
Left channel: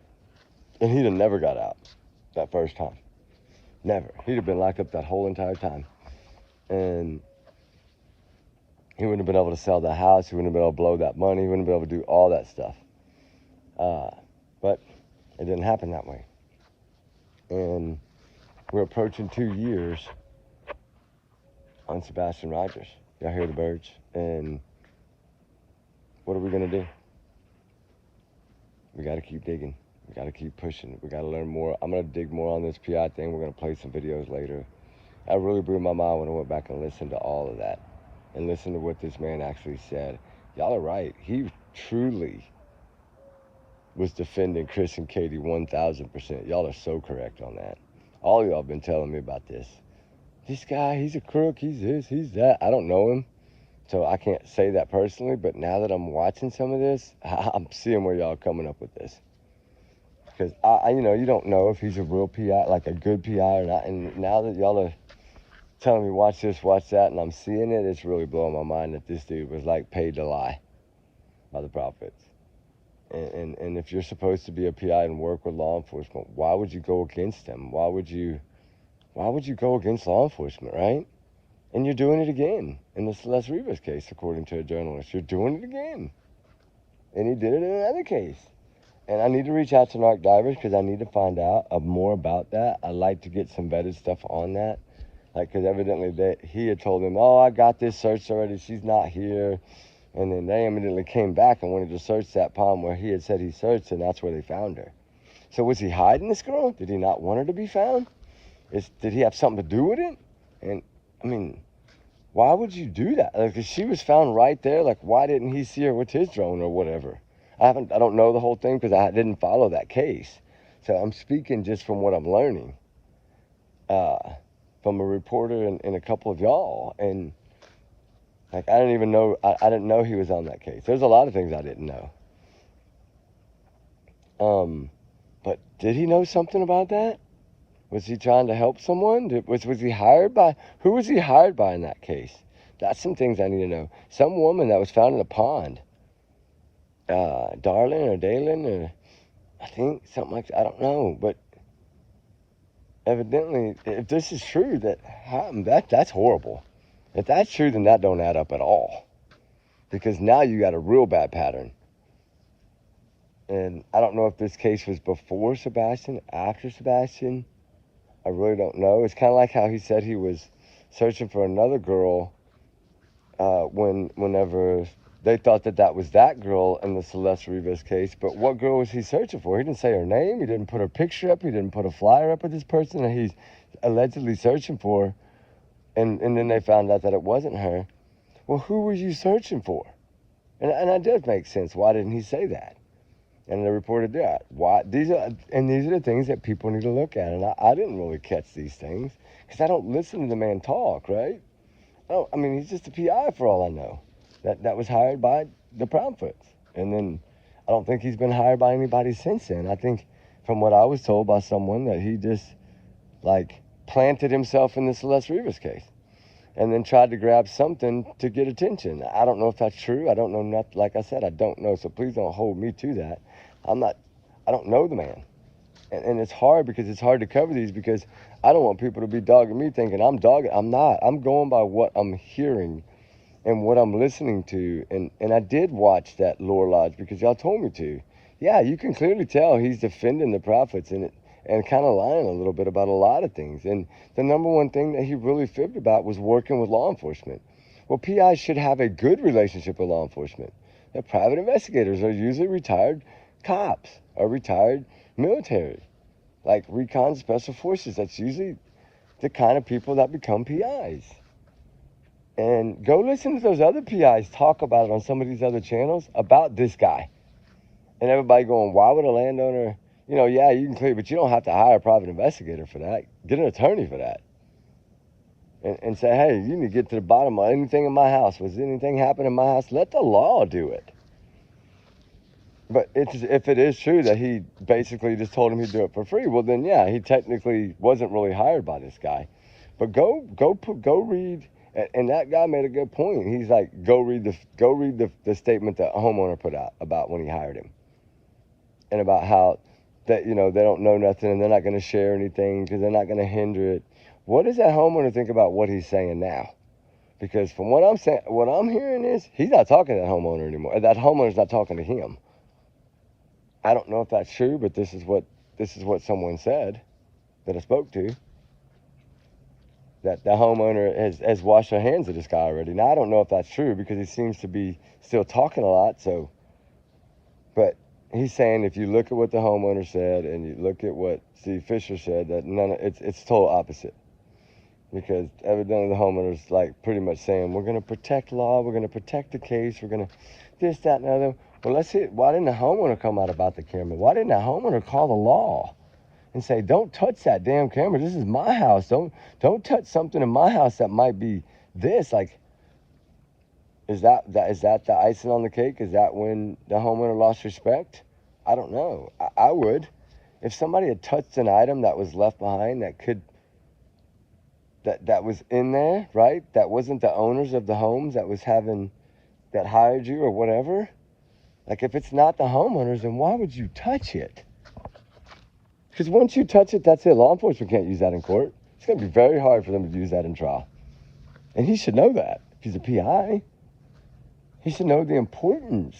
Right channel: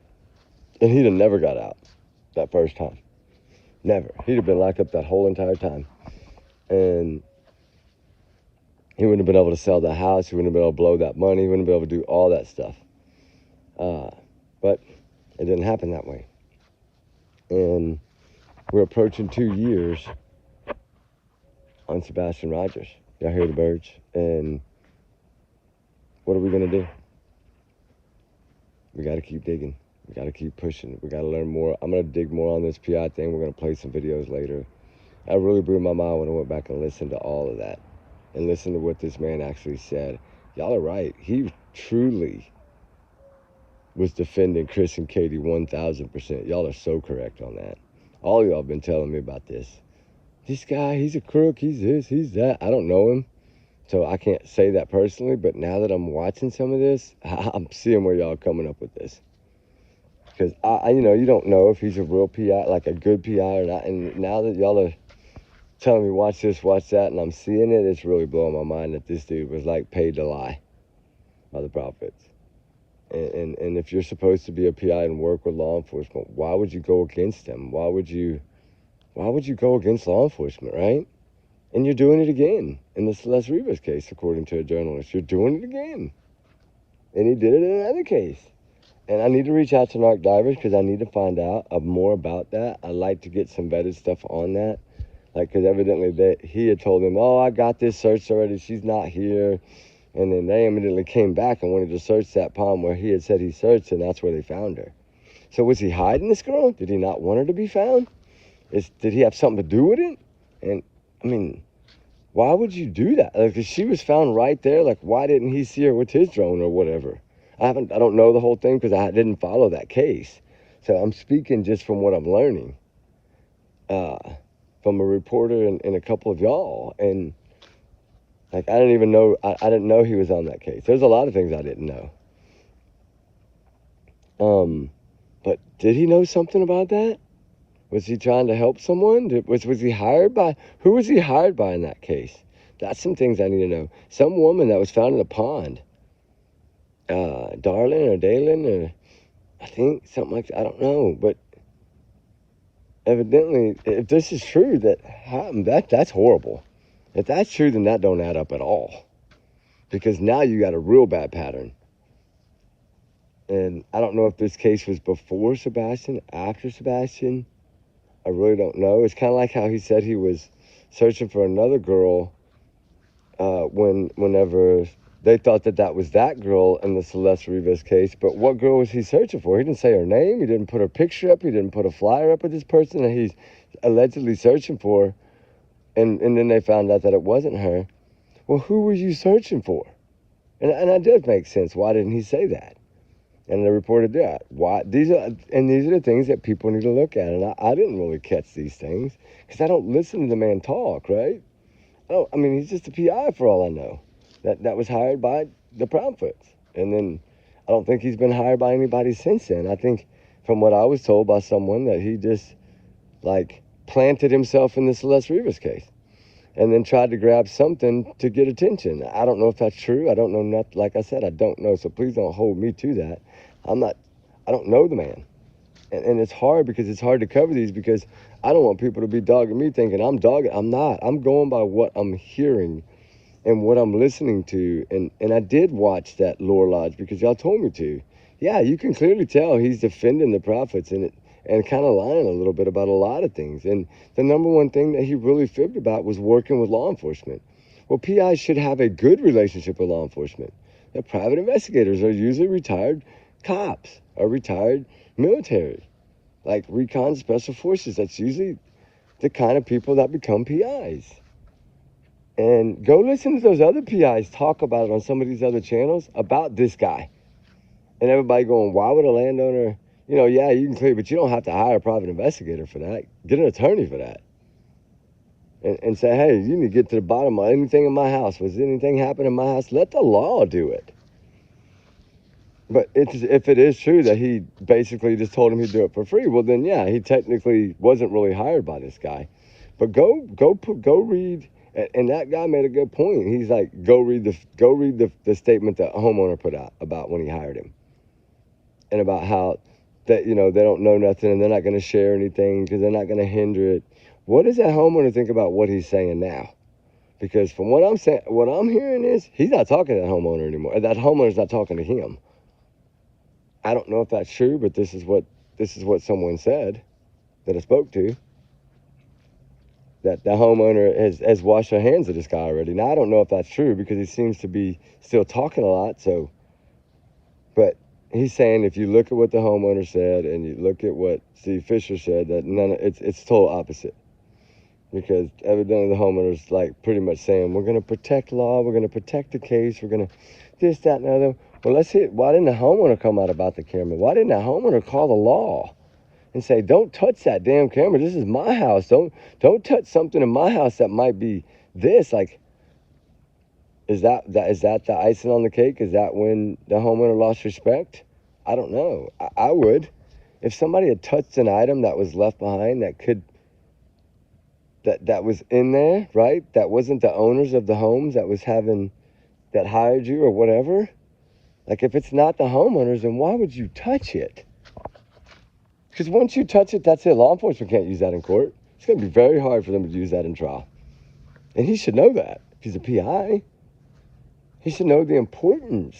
And he'd have never got out that first time. Never. He'd have been locked up that whole entire time. And he wouldn't have been able to sell the house. He wouldn't have been able to blow that money. He wouldn't have been able to do all that stuff. But it didn't happen that way. And we're approaching 2 years on Sebastian Rogers. Y'all hear the birds? And what are we going to do? We got to keep digging. We got to keep pushing. We got to learn more. I'm going to dig more on this PI thing. We're going to play some videos later. I really blew my mind when I went back and listened to all of that and listened to what this man actually said. Y'all are right. He truly was defending Chris and Katie 1,000%. Y'all are so correct on that. All of y'all have been telling me about this. This guy, he's a crook, he's this, he's that. I don't know him, so I can't say that personally, but now that I'm watching some of this, I'm seeing where y'all are coming up with this. Because, you don't know if he's a real PI, like a good PI or not, and now that y'all are telling me watch this, watch that, and I'm seeing it, it's really blowing my mind that this dude was like paid to lie by the prophets. And if you're supposed to be a PI and work with law enforcement, why would you go against them? Why would you go against law enforcement, right? And you're doing it again in the Celeste Rivas case, according to a journalist. You're doing it again. And he did it in another case. And I need to reach out to narc divers because I need to find out more about that. I'd like to get some vetted stuff on that. Like, because evidently he had told them, oh, I got this searched already. She's not here. And then they immediately came back and wanted to search that pond where he had said he searched, and that's where they found her. So was he hiding this girl? Did he not want her to be found? Did he have something to do with it? And, I mean, why would you do that? Like, if she was found right there, like, why didn't he see her with his drone or whatever? I don't know the whole thing because I didn't follow that case. So I'm speaking just from what I'm learning from a reporter and a couple of y'all. And, like, I didn't even know, I didn't know he was on that case. There's a lot of things I didn't know. But did he know something about that? Was he trying to help someone? Was he hired by? Who was he hired by in that case? That's some things I need to know. Some woman that was found in a pond. Darlin or Dalen or I think something like that. I don't know. But evidently, if this is true, that's horrible. If that's true, then that don't add up at all. Because now you got a real bad pattern. And I don't know if this case was before Sebastian, after Sebastian. I really don't know. It's kind of like how he said he was searching for another girl whenever they thought that was that girl in the Celeste Rivas case. But what girl was he searching for? He didn't say her name. He didn't put her picture up. He didn't put a flyer up of this person that he's allegedly searching for. And then they found out that it wasn't her. Well, who were you searching for? And that does make sense. Why didn't he say that? And they reported that. Why? These are the things that people need to look at. And I didn't really catch these things because I don't listen to the man talk, right? Oh, I mean, he's just a PI for all I know. That was hired by the prophets. And then I don't think he's been hired by anybody since then. I think from what I was told by someone that he just, like, planted himself in the Celeste Rivas case and then tried to grab something to get attention. I don't know if that's true. I don't know nothing. Like I said, I don't know. So please don't hold me to that. I don't know the man. And it's hard because it's hard to cover these because I don't want people to be dogging me thinking I'm dogging. I'm not. I'm going by what I'm hearing and what I'm listening to. And I did watch that Lore Lodge because y'all told me to. Yeah, you can clearly tell he's defending the prophets and kind of lying a little bit about a lot of things. And the number one thing that he really fibbed about was working with law enforcement. Well, PIs should have a good relationship with law enforcement. The private investigators are usually retired cops or retired military, like recon special forces. That's usually the kind of people that become PIs. And go listen to those other PIs talk about it on some of these other channels about this guy. And everybody going, why would a landowner, yeah, you can clear, but you don't have to hire a private investigator for that. Get an attorney for that. And say, hey, you need to get to the bottom of anything in my house. Was anything happen in my house? Let the law do it. But if it is true that he basically just told him he'd do it for free, well then yeah, he technically wasn't really hired by this guy. But go read, and that guy made a good point. He's like, go read the statement that a homeowner put out about when he hired him, and about how that they don't know nothing and they're not going to share anything because they're not going to hinder it. What does that homeowner think about what he's saying now? Because from what I'm saying, what I'm hearing is he's not talking to that homeowner anymore. That homeowner's not talking to him. I don't know if that's true, but this is what someone said that I spoke to. That the homeowner has washed their hands of this guy already. Now I don't know if that's true because he seems to be still talking a lot. So, but he's saying if you look at what the homeowner said and you look at what Steve Fisher said, that it's total opposite. Because evidently the homeowner's like pretty much saying, we're going to protect law, we're going to protect the case, we're going to this, that, and the other. Well, let's see, why didn't the homeowner come out about the camera? Why didn't the homeowner call the law and say, don't touch that damn camera, this is my house, don't touch something in my house that might be this? Like, is that the icing on the cake? Is that when the homeowner lost respect? I don't know. I would. If somebody had touched an item that was left behind that was in there, right? That wasn't the owners of the homes that hired you or whatever. Like, if it's not the homeowners, then why would you touch it? Because once you touch it, that's it. Law enforcement can't use that in court. It's going to be very hard for them to use that in trial. And he should know that. He's a PI. He should know the importance.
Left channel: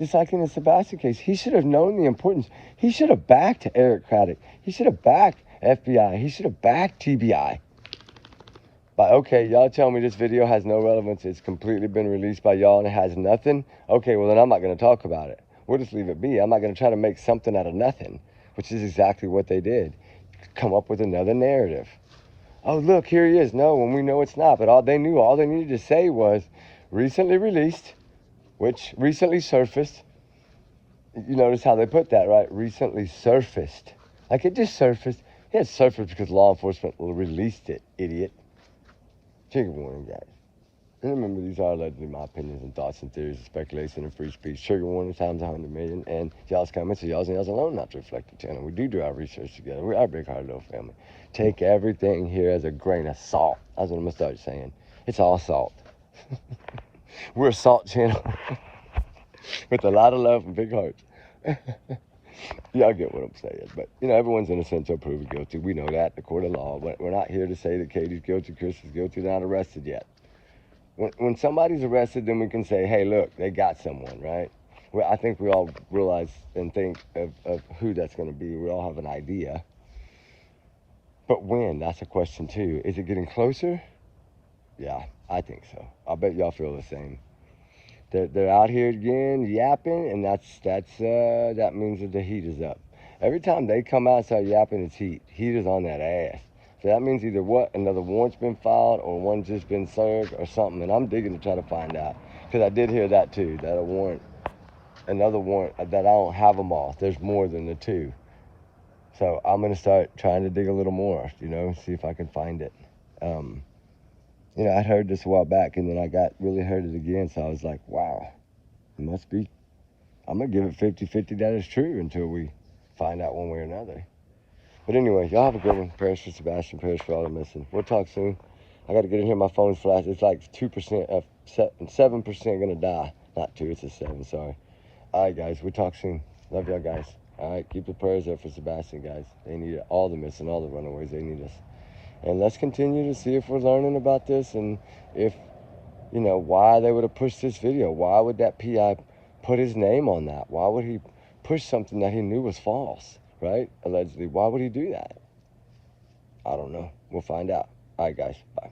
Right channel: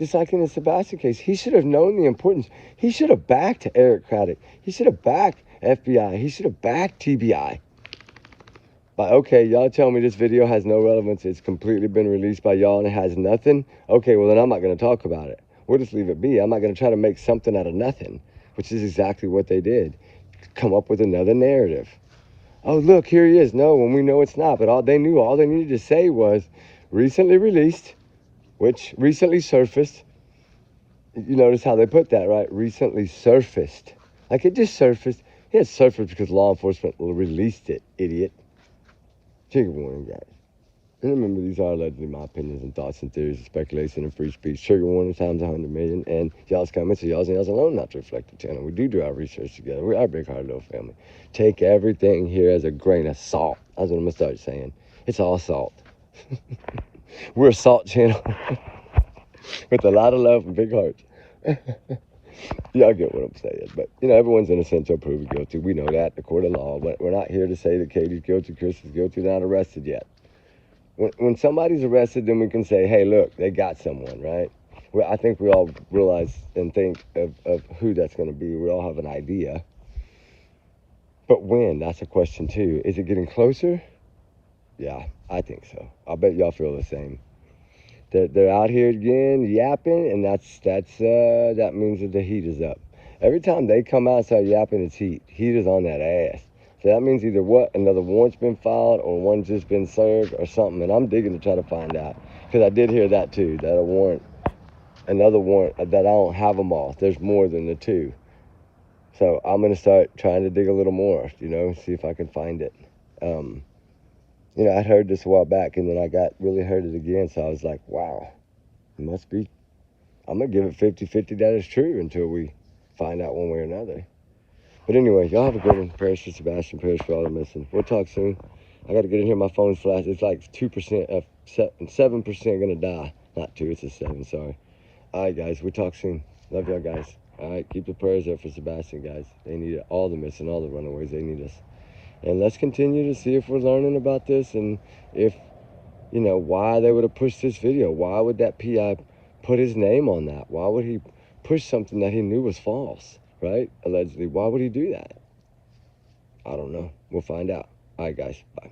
Just like in the Sebastian case, he should have known the importance. He should have backed Eric Craddock. He should have backed FBI. He should have backed TBI. But okay, y'all tell me this video has no relevance. It's completely been released by y'all and it has nothing. Okay, well then I'm not going to talk about it. We'll just leave it be. I'm not going to try to make something out of nothing, which is exactly what they did. Come up with another narrative. Oh, look, here he is. No, when we know it's not. But all they needed to say was recently released, which recently surfaced. You notice how they put that, right? Recently surfaced. Like it just surfaced. It surfaced because law enforcement released it, idiot. Trigger warning, guys. And remember, these are allegedly my opinions and thoughts and theories and speculation and free speech. Trigger warning times 100 million. And y'all's comments are y'all's and y'all's alone not to reflect the channel. We do our research together. We are a big, hard, little family. Take everything here as a grain of salt. That's what I'm going to start saying. It's all salt. We're a salt channel with a lot of love and big hearts. Y'all get what I'm saying. But, everyone's innocent until proven guilty. We know that, the court of law. But we're not here to say that Katie's guilty, Chris is guilty, not arrested yet. When somebody's arrested, then we can say, hey, look, they got someone, right? Well, I think we all realize and think of who that's going to be. We all have an idea. But when? That's a question, too. Is it getting closer? Yeah, I think so. I bet y'all feel the same. They're out here again yapping, and that means that the heat is up. Every time they come out and start yapping, it's heat. Heat is on that ass. So that means either another warrant's been filed or one's just been served or something. And I'm digging to try to find out. Because I did hear that too, that another warrant, that I don't have them all. There's more than the two. So I'm going to start trying to dig a little more, see if I can find it. I heard this a while back, and then I really heard it again, so I was like, wow, it must be. I'm going to give it 50-50 that it's true until we find out one way or another. But anyway, y'all have a good one. Prayers for Sebastian, prayers for all the missing. We'll talk soon. I got to get in here. My phone's flashed. It's like 2% of 7% going to die. Not 2, it's a 7, sorry. All right, guys, we'll talk soon. Love y'all, guys. All right, keep the prayers up for Sebastian, guys. They need it. All the missing, all the runaways, they need us. And let's continue to see if we're learning about this and if, why they would have pushed this video. Why would that PI put his name on that? Why would he push something that he knew was false, right? Allegedly. Why would he do that? I don't know. We'll find out. All right, guys. Bye.